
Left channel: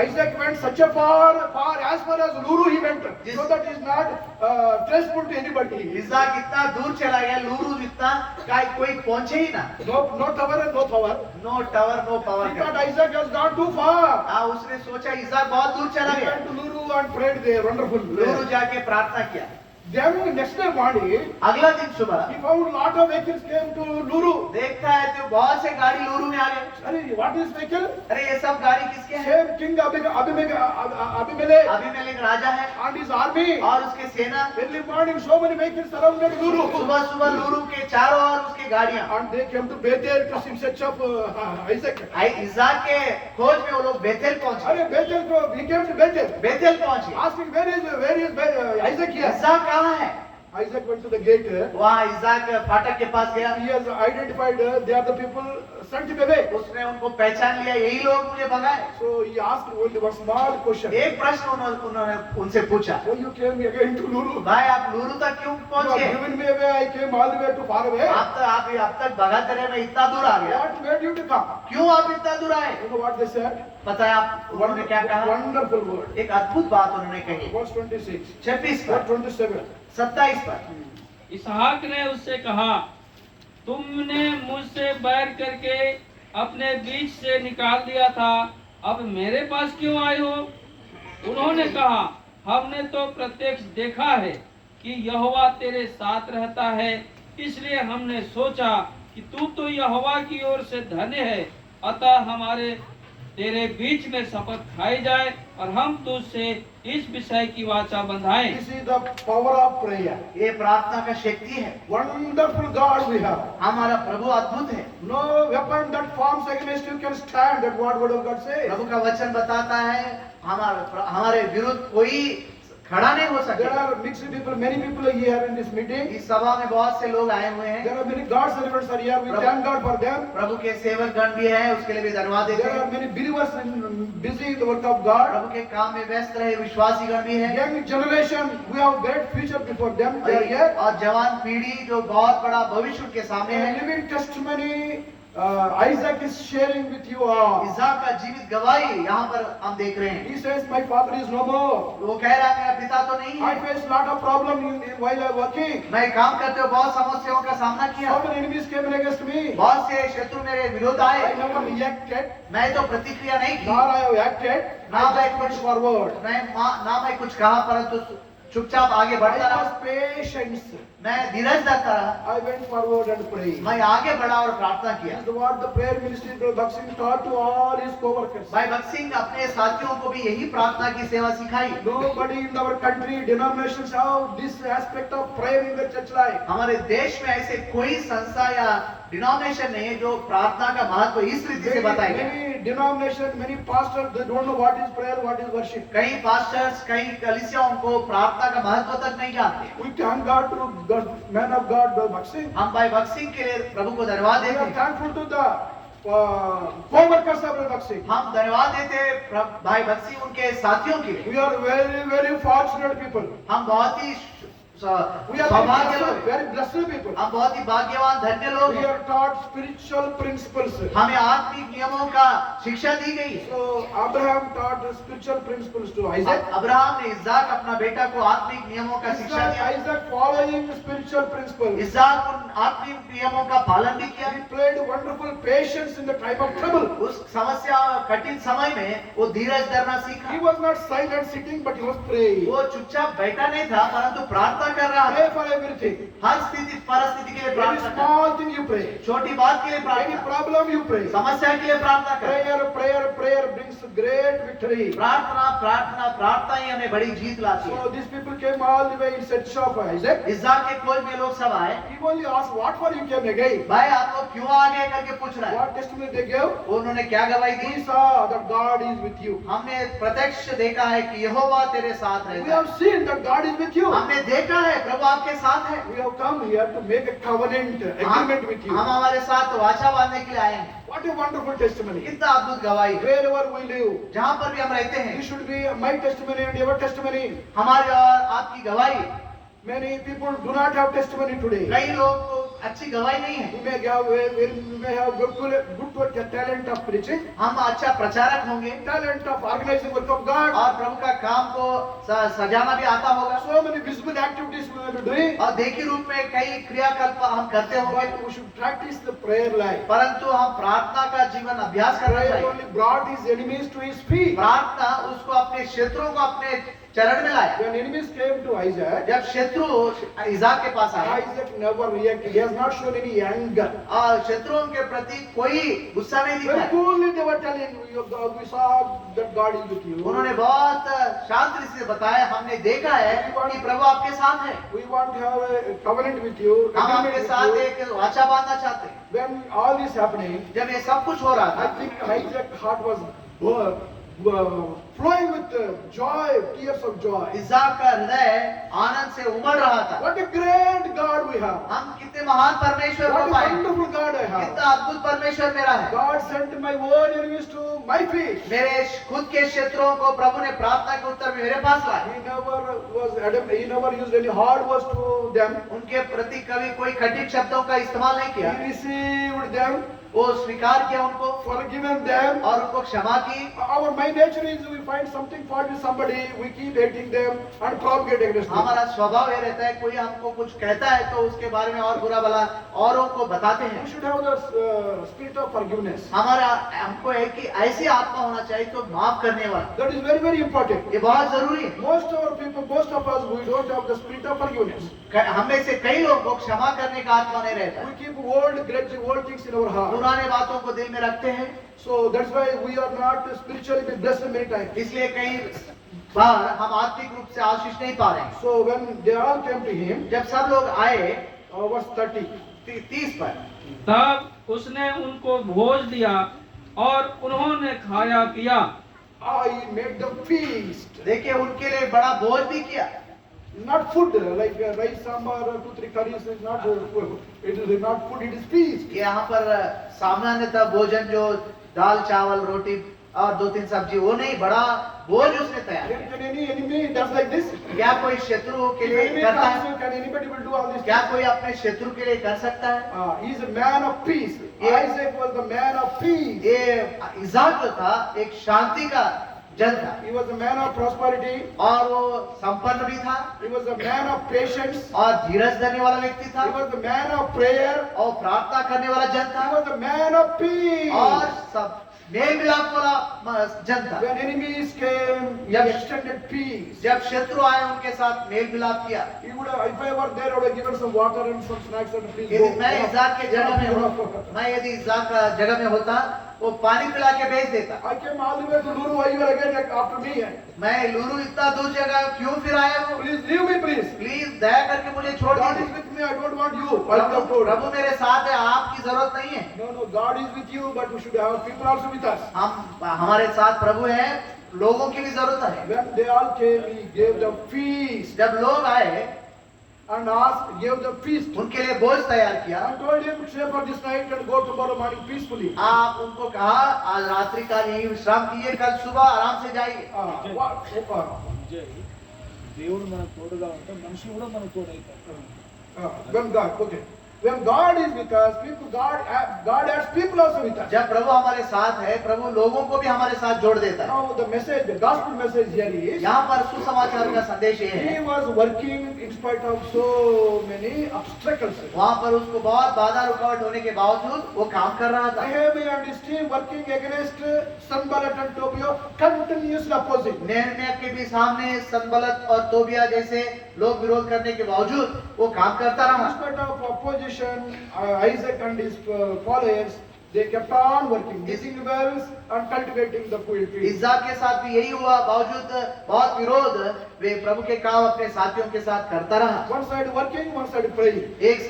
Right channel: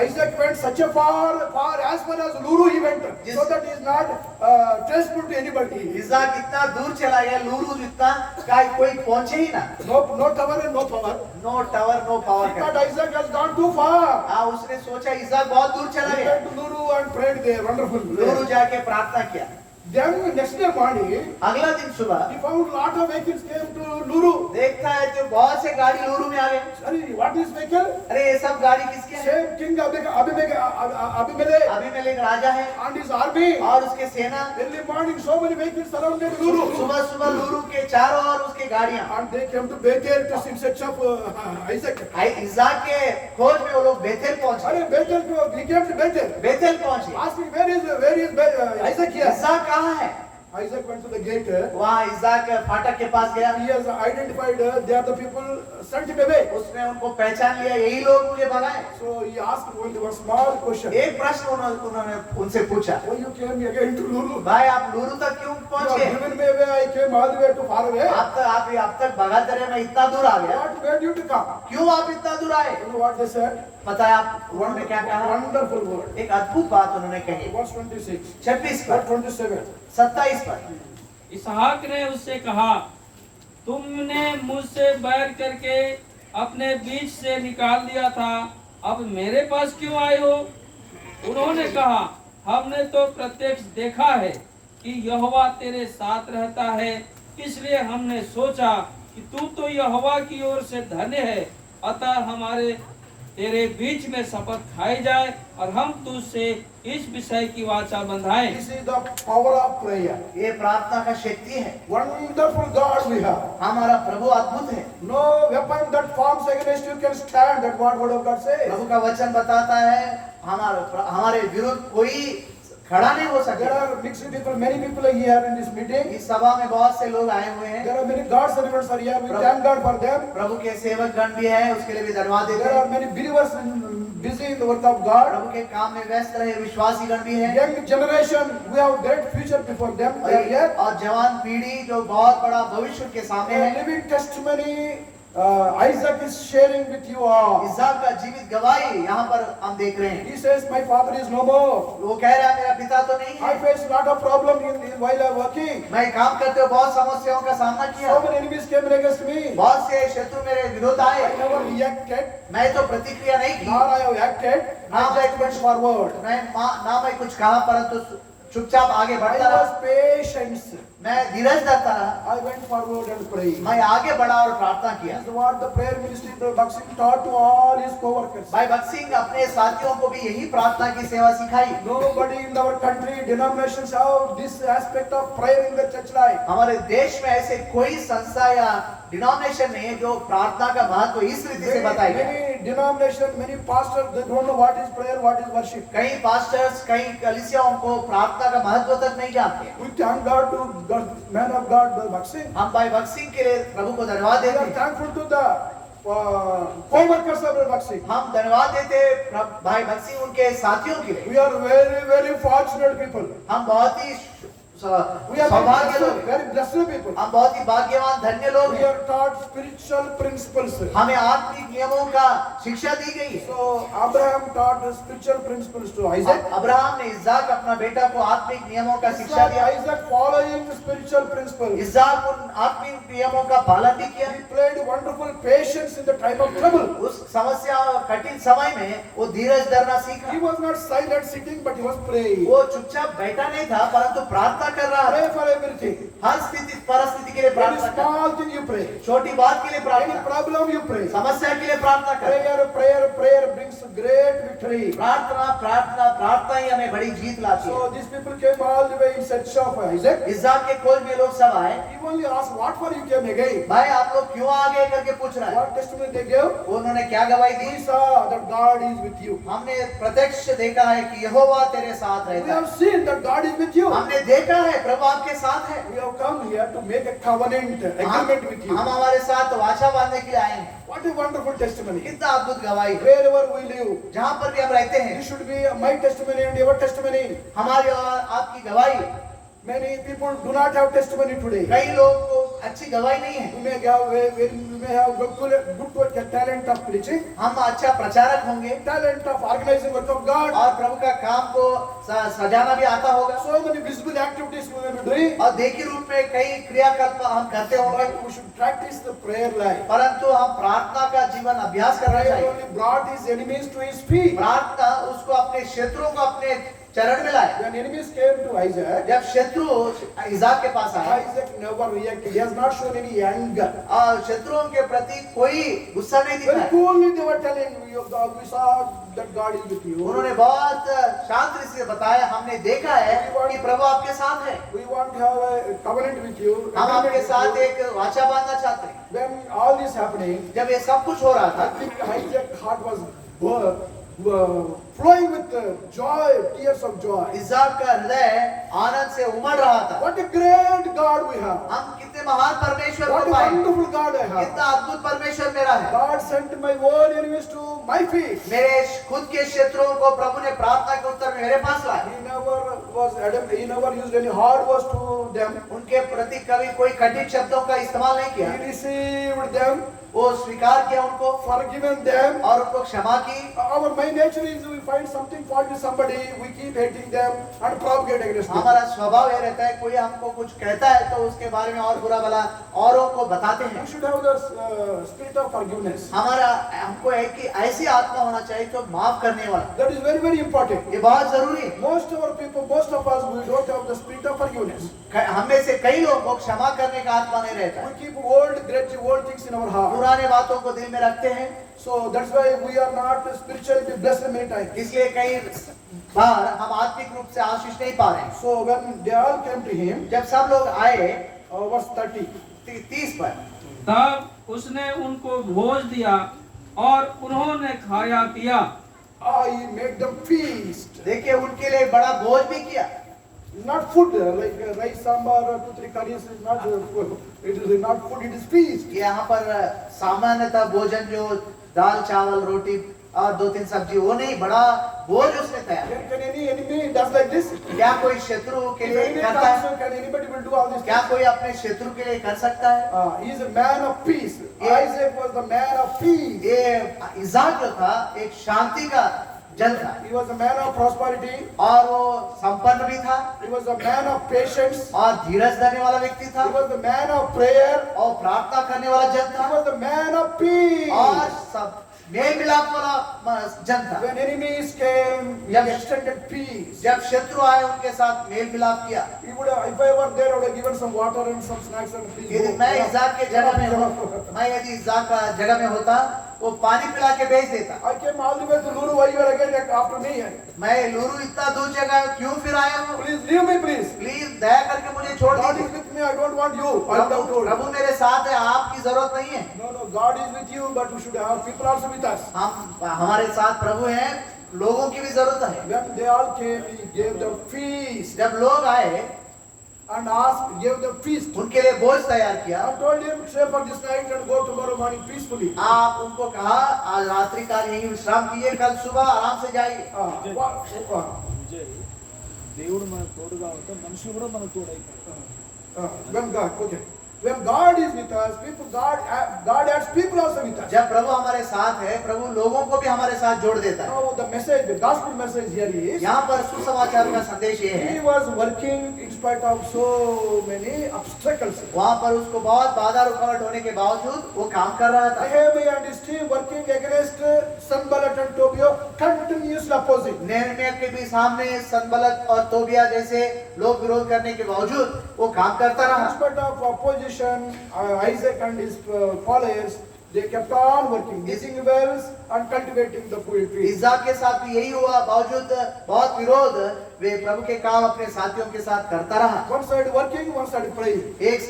Isaac went such a far as far as Luru he went, so that he is not traceable to anybody. इसहाक इतना दूर चला गया, लूरू इतना कोई पहुंचे ही ना। No tower and no power. No tower no power But Isaac has gone too far. उसने सोचा इसहाक बहुत दूर चला He गया। went to Luru and prayed there. Wonderful. लूरू जाके प्रार्थना किया। Then next day morning, अगला दिन सुबह he found lot of vehicles came to Luru. देखता है तो बहुत से गाड़ी लूरू में आ गए। Sorry, what is vehicle? अरे ये सब गाड़ी किसके हैं? Same King Abimelech अबीमेलेक राजा है and his army. और उसके सेना। Early morning, so many vehicles surrounded Luru. सुबह सुबह लूरू के चारों ओर उसके गाड़ियां। And they came to Bethel to in search of Isaac. इसहाक के खोज में वो लोग बेथेल पहुंचे। Arey Bethel, he came to Bethel. Bethel पहुंचे। Asking where is Isaac here? इसहाक कहाँ है? Isaac went to the gate. वहाँ इसहाक फाटक के पास गया। He has identified they are the people sent him away. उसने उनको पहचान लिया, यही लोग मुझे भगाए। So he asked only one small question. एक प्रश्न उन्होंने उनसे पूछा, Why you came again to Luru? भाई आप लूरू तक क्यों You पहुंचे? have given me away. I came all the way to far away. आप अब तक भगाते रहे, मैं इतना दूर आ गया, What made you to come? क्यों आप इतना दूर आए? You know what they said? पता है आप उन्होंने क्या कहा? Wonderful word. एक अद्भुत बात उन्होंने कही। Verse 26. 26 Verse पर, 27. 27 पर। इसहाक ने उससे कहा, तुमने मुझसे बैर करके अपने बीच से निकाल दिया था, अब मेरे पास क्यों आए हो? उन्होंने कहा, हमने तो प्रत्यक्ष देखा है कि यहोवा तेरे साथ रहता है, इसलिए हमने सोचा कि तू तो यहोवा की ओर से धन्य है, अतः हमारे तेरे बीच में शपथ खाई जाए और हम तुझसे इस विषय की वाचा बंधाएं। This is the power of prayer. ये प्रार्थना का शक्ति है। Wonderful God we have. हमारा प्रभु अद्भुत है। No weapon that forms against you can stand. That what word of God says. प्रभु का वचन बताता है हमारे विरुद्ध कोई खड़ा नहीं हो There सकता। are mixed people. Many people are here in this meeting. इस सभा में बहुत से लोग आए हुए हैं। There are many God servants are here. We thank God for them. प्रभु के सेवक गण भी हैं, उसके लिए भी धन्यवाद देते There हैं। are many believers busy in the work of God. प्रभु के काम में व्यस्त रहे विश्वासी गण भी हैं। Young generation, we have great future before them. They are here. और जवान पीढ़ी जो बहुत बड़ा भविष्य उनके सामने A है। living testimony. Isaac is sharing with you all. इसहाक का जीवित गवाही यहाँ पर हम देख रहे हैं। He says, "My father is no more. वो कह रहा है मेरा पिता तो नहीं I है। face lot of problem while I working. मैं काम करते हुए बहुत समस्याओं का सामना किया। So many enemies came against me. बहुत से शत्रु मेरे विरोध I आए। never reacted, मैं तो प्रतिक्रिया नहीं nor की। I have acted. I just went forward. ना मैं कुछ कहा परंतु चुपचाप आगे I बढ़ता रहा। was patient. मैं धीरज धरता रहा। I went forward and prayed. मैं आगे बढ़ा और प्रार्थना किया। This is what the prayer ministry of Bhakt Singh taught to all his co-workers. भाई भक्त सिंह अपने साथियों को भी यही प्रार्थना की सेवा सिखाई। Nobody in our country, denominations have this aspect of prayer in the church life. हमारे देश में ऐसे कोई संस्था या डिनोमिनेशन नहीं है जो प्रार्थना का महत्व इस रीति से बताएगा। Many denominations, many pastors, they don't know what is prayer, what is worship. कई पास्टर्स कई कलीसियाओं को प्रार्थना का महत्व तक नहीं जानते। We thank God to the man of God, Bhakt Singh. हम भाई भक्त सिंह के लिए प्रभु को धन्यवाद We देते are हैं। thankful to the co-workers of Bhakt Singh. हम धन्यवाद देते हैं भाई भक्त सिंह उनके साथियों के लिए। We are very, very fortunate people. हम बहुत ही We are सौभाग्य लोग हैं। very blessed people. हम बहुत ही भाग्यवान धन्य लोग We हैं। are taught spiritual principles. हमें आत्मिक नियमों का शिक्षा दी गई है। So Abraham taught the spiritual principles to Isaac. Abraham ने इस्हाक अपना बेटा को आत्मिक नियमों का शिक्षा दिया। Isaac following the spiritual principles. इस्हाक उन आत्मिक नियमों का पालन भी किया। He played wonderful patience in the time of trouble. उस समस्या और कठिन समय में वो धीरज धरना सीखा। He was not silent sitting, but he was praying. वो चुपचाप बैठा नहीं था परंतु प्रार्थना कर रहा Pray था। for everything. हर स्थिति परिस्थिति के लिए Any प्रार्थना कर। small thing you pray. छोटी बात के लिए Any प्रार्थना, problem you pray. समस्या के लिए प्रार्थना कर। Prayer brings great victory. प्रार्थना ही हमें बड़ी जीत लाती है। So these people came all the way in search of Isaac. इस्हाक के खोज में लोग सब आए। He only asked, "What for you came again?" भाई आप लोग क्यों आ गए करके पूछ रहे हैं। What testimony they gave? उन्होंने क्या गवाही दी? We saw that God is with you. हमने प्रत्यक्ष देखा है कि यहोवा तेरे साथ We रहता है। have seen that God is with you. हमने देखा है प्रभु आपके साथ है। We have come here to make a covenant agreement with you. हम हमारे साथ वाचा बांधने के लिए आए हैं। What a wonderful testimony. कितना अद्भुत गवाही है। Wherever we live, जहाँ पर भी हम रहते हैं this should be my testimony and your testimony. हमारी और आपकी गवाही। Many people do not have testimony today. कई लोग को अच्छी गवाही नहीं है। We may have good talent of preaching, हम अच्छा प्रचारक होंगे talent of organizing work of God. और प्रभु का काम को सजाना भी आता होगा So many visible activities we may be doing. और देखी रूप में कई क्रियाकल्प हम करते होंगे But we should practice the prayer life. परंतु हम प्रार्थना का जीवन अभ्यास करना Prayer चाहिए। only brought his enemies to his feet. प्रार्थना उसको अपने शत्रुओं को अपने चरण में लाया। When enemies came to Isaac, जब शत्रु इसाक के पास आए Isaac never reacted. He has not shown any anger. और शत्रुओं के प्रति कोई गुस्सा नहीं Very दिखाया। coolly they were telling you, we saw that God is with you. उन्होंने बहुत शांति से बताया हमने देखा है कि प्रभु आपके साथ है। We want to have a covenant with you. हम agreement आपके with साथ you. एक वाचा बांधना चाहते हैं। When all this happening, जब ये सब कुछ हो रहा I था think Isaac's heart was flowing with joy, tears of joy. Isaac का हृदय आनंद से उमड़ रहा था। What a great God we have. हम कितने महान परमेश्वर What को a पाए। wonderful God I have. कितना अद्भुत परमेश्वर मेरा है। God sent my own enemies to my feet. मेरे खुद के शत्रुओं को प्रभु ने प्रार्थना के उत्तर में मेरे पास लाया। He never used any hard words to them. उनके प्रति कभी कोई कठिन शब्दों का इस्तेमाल नहीं किया। He received them, वो स्वीकार किया उनको forgiven them. और उनको क्षमा की। My nature is we find something fault with somebody, we keep hating them and propagate against them. हमारा स्वभाव ये रहता है कोई हमको कुछ कहता है तो उसके बारे में और बुरा भला औरों को बताते हैं। We should have the spirit of forgiveness. हमको है कि ऐसी आत्मा होना चाहिए तो माफ करने वाला, That is very, very important. ये बहुत जरूरी है। Most of our people, most of us, we don't have the spirit of forgiveness. हम में से कई लोग को क्षमा करने का आत्मा नहीं रहता, We keep old grudge, old things in our heart. पुराने बातों को दिल में रखते हैं, So that's why we are not spiritually blessed many times. इसलिए कई बार हम आत्मिक रूप से आशीष नहीं पा रहे हैं। So when they all came to him, जब सब लोग आए verse 30, 30 पर, तब उसने उनको भोज दिया और उन्होंने खाया पिया। I made them feast. देखिए उनके लिए बड़ा भोज भी किया। Not food like rice, sambar, or 2-3 curries is not food. It is not food, it is feast. यहाँ पर सामान्यतः भोजन जो दाल चावल रोटी और 2-3 सब्जी, वो नहीं, बड़ा भोज उसने तैयार किया। Can any enemy does like this? क्या कोई शत्रु के If लिए enemy करता है? comes, can anybody will do all this? क्या कोई अपने शत्रु के लिए कर सकता है? He is a man of peace. Isaac was the man of peace. ये इज़ाक जो था एक शांति का जन था, He was a man of prosperity. और वो संपन्न भी था, He was a man of patience. और धीरज धरने वाला व्यक्ति था, He was the man of prayer. और प्रार्थना करने वाला जन He था, was the man of peace. और सब मेल मिलाप वाला जन था। When enemies came, he Yep. extended peace. जब शत्रु आए उनके साथ मेल मिलाप किया। He would have, if I were there, I would have given some water and some snacks and please यदि go. मैं इज़ाक के जगह में Jama, हूँ, jama. मैं यदि इज़ाक का जगह में होता वो पानी पिला के भेज देता। I came all the way to Luru. Why you are again after me? मैं लूरू इतना दूर जगह क्यों फिर आया हूँ? Please leave me, please. Please दया करके मुझे छोड़ God is दीजिए। with me. I don't want you. I would have told. प्रभु मेरे साथ है, आपकी जरूरत नहीं है। No, God is with you, but we should have people also with us. हमारे साथ प्रभु हैं, लोगों की भी जरूरत है। When they all came, he gave them feast जब लोग आए and asked, gave them feast. उनके लिए भोज तैयार किया। I told him, stay for this night and go tomorrow morning peacefully. आप उनको कहा आज रात्रि का यही विश्राम कीजिए, कल सुबह आराम से जाइए। దేవుడు మనకు తోడుగా ఉంటే మనుషులు కూడా మనకు తోడైతారు. When God, okay. When God is with us, people, God adds people also with us. जब प्रभु हमारे साथ है, प्रभु लोगों को भी हमारे साथ जोड़ देता है। Now the message, the gospel message here is, यहाँ पर सुसमाचार का संदेश ये he है, was working in spite of so many obstacles. वहाँ पर उसको बहुत बाधा रुकावट होने के बावजूद वो काम कर रहा था। Nehemiah and his team working against Sanballat and Tobiah, continuously opposing. Nehemiah के भी सामने संबलत और तोबिया जैसे लोग विरोध करने के बावजूद वो काम करता In रहा। spite of opposition, Isaac and his followers, they kept on working, digging wells and cultivating the field. इज़ाक के साथ भी यही हुआ, बावजूद बहुत विरोध वे प्रभु के काम अपने साथियों के साथ करता रहा। One side working, one side praying. एक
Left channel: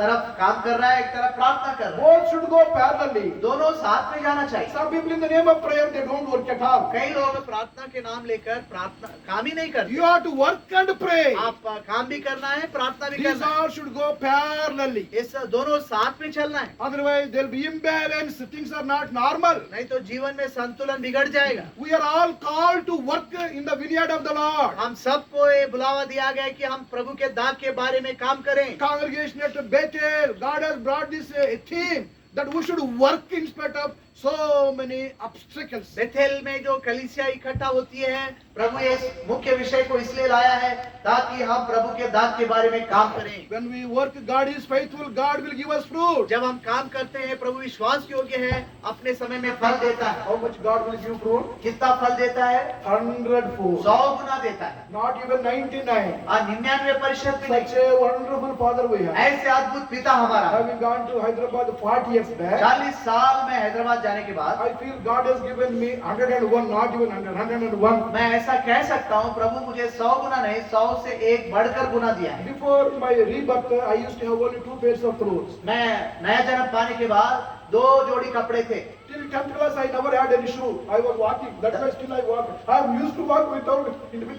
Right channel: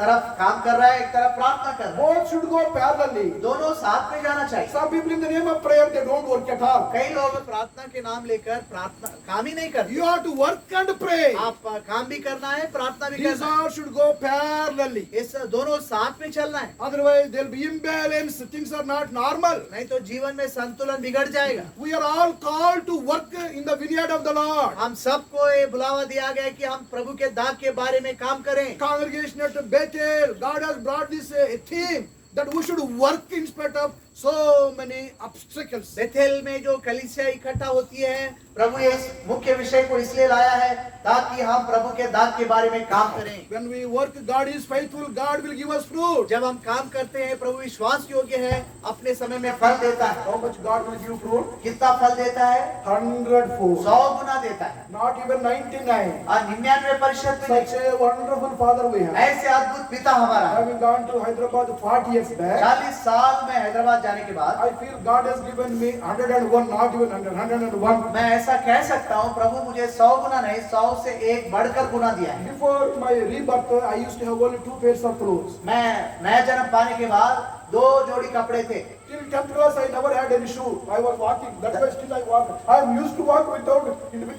तरफ काम कर रहा है, एक तरफ प्रार्थना कर रहा है, Both should go parallelly. दोनों साथ में जाना चाहिए। Some people in the name of prayer, they don't work at all. कई लोग प्रार्थना के नाम लेकर प्रार्थना काम ही नहीं करते। You have to work and pray. आप काम भी करना है, प्रार्थना भी These करना है, all should go parallelly. इस दोनों साथ में चलना है, Otherwise, there will be imbalance. Things are not normal. नहीं तो जीवन में संतुलन बिगड़ जाएगा। We are all called to work in the vineyard of the Lord. हम सबको ये बुलावा दिया गया है कि हम प्रभु के दाग के बारे में काम करें। Congregation at Bethel, God has brought this theme that we should work in spite of so many obstacles. Bethel में जो कलीसिया इकट्ठा होती है, प्रभु इस मुख्य विषय को इसलिए लाया है ताकि हम प्रभु के दाग के बारे में काम करें। When we work, God is faithful. God will give us fruit. जब हम काम करते हैं, प्रभु विश्वास योग्य है, अपने समय में फल देता है। How much God will give fruit? कितना फल देता है? 100-fold. 100 गुना देता है, Not even 99. और 99% भी Such नहीं। a wonderful Father we have. ऐसे अद्भुत पिता हमारा है। Having gone to Hyderabad 40 years back, 40 साल में हैदराबाद जाने के बाद I feel God has given me 101, not even 100, 101. मैं ऐसा कह सकता हूँ, प्रभु मुझे 100 गुना नहीं, 100 से एक बढ़कर गुना दिया है। Before my rebirth, I used to have only 2 pairs of clothes. मैं नया जन्म पाने के बाद 2 जोड़ी कपड़े थे। Till 10th class, I never had any shoe. I was walking. That's why still I walk. I am used to walk with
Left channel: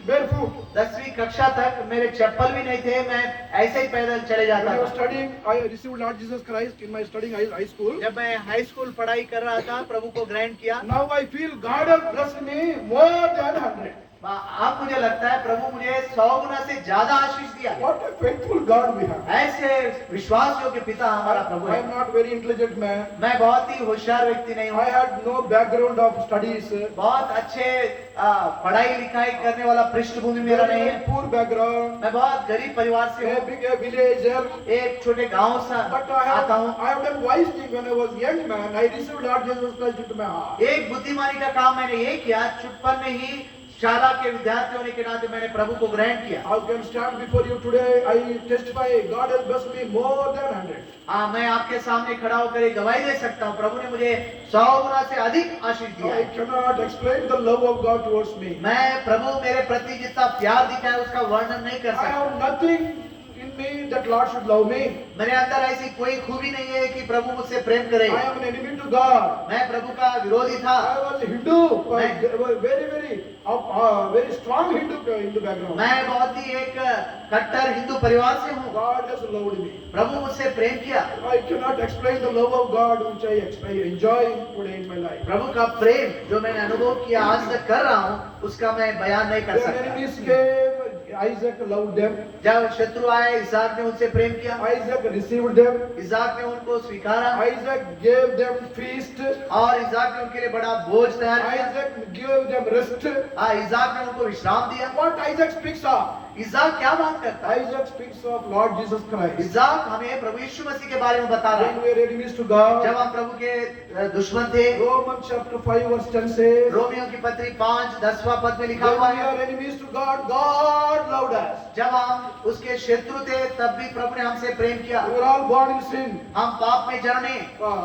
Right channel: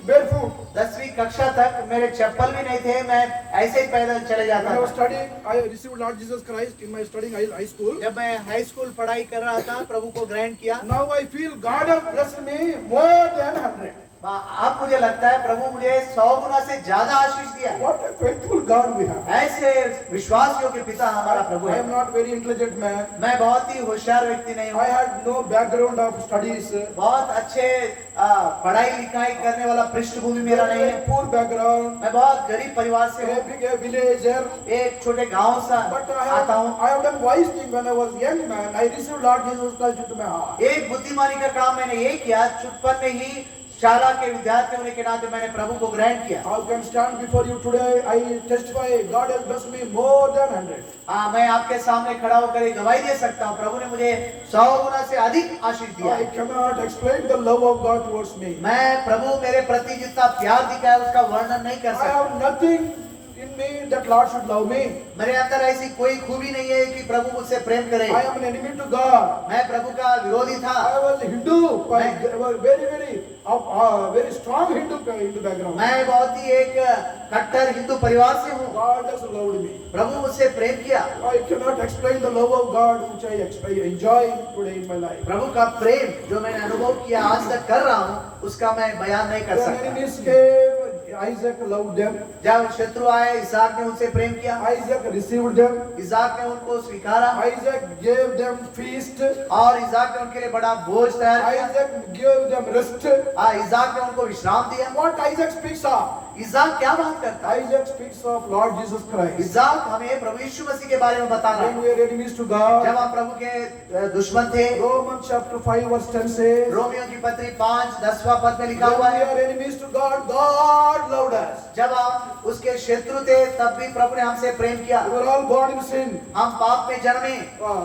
barefoot. 10वीं कक्षा तक मेरे चप्पल भी नहीं थे, मैं ऐसे ही पैदल चले When जाता I was था। studying, I received Lord Jesus Christ in my studying high school. जब मैं हाई स्कूल पढ़ाई कर रहा था, प्रभु को ग्रहण किया। Now I feel God has blessed me more than 100. अब मुझे लगता है प्रभु मुझे 100 गुना से ज्यादा आशीष दिया। What a faithful God we have. ऐसे विश्वासियों के पिता हमारा प्रभु I है। am not very intelligent man. मैं बहुत ही होशियार व्यक्ति नहीं हूँ। I had no background of studies. बहुत अच्छे पढ़ाई लिखाई करने वाला पृष्ठभूमि मेरा नहीं है। Very poor background. मैं बहुत गरीब परिवार से A हूँ। big a villager. एक छोटे गांव से But आता हूँ। I have done wise thing when I was young man. I received Lord Jesus Christ into my heart. एक बुद्धिमानी का काम मैंने ये किया, चुटपन में ही शाला के विद्यार्थी होने के नाते मैंने प्रभु को ग्रहण किया। I can stand before you today. I testify. God has blessed me more than 100. हाँ, मैं आपके सामने खड़ा होकर एक गवाही दे सकता हूँ। प्रभु ने मुझे 100 गुना से अधिक आशीष दिया I है। cannot explain the love of God towards me. मैं प्रभु मेरे प्रति जितना प्यार दिखाया उसका वर्णन नहीं कर I सकता। have nothing in me that Lord should love me. मेरे अंदर ऐसी कोई खूबी नहीं है कि प्रभु मुझसे प्रेम करे। I am an enemy to God. मैं प्रभु का विरोधी था। I was a Hindu, very strong Hindu background. मैं बहुत ही एक कट्टर हिंदू परिवार से हूँ। God has loved me. प्रभु मुझसे प्रेम किया। I cannot explain the love of God which I enjoy today in my life. प्रभु का प्रेम जो मैंने अनुभव किया आज तक कर रहा हूँ, उसका मैं बयान नहीं कर When enemies सकता। came, Isaac loved them. जब शत्रु आए, इसहाक ने उनसे प्रेम किया। Isaac received them. इसहाक ने उनको स्वीकारा Isaac gave them feast. और इसहाक ने उनके लिए बड़ा भोज तैयार किया। Isaac gave them rest. इसहाक ने उनको विश्राम दिया। What Isaac speaks of? इसहाक क्या बात करता है? Isaac speaks of Lord Jesus Christ. इसहाक हमें प्रभु यीशु मसीह के बारे में बता रहा When है। we were enemies to God, जब हम प्रभु के दुश्मन थे। Romans chapter 5 verse 10 says, Romeo की पत्री 5:10वां पद में लिखा when हुआ we है, are enemies to God, God loved us. जब हम उसके शत्रु थे तब भी प्रभु ने हमसे प्रेम किया। We were all born in sin. हम पाप में जन्मे।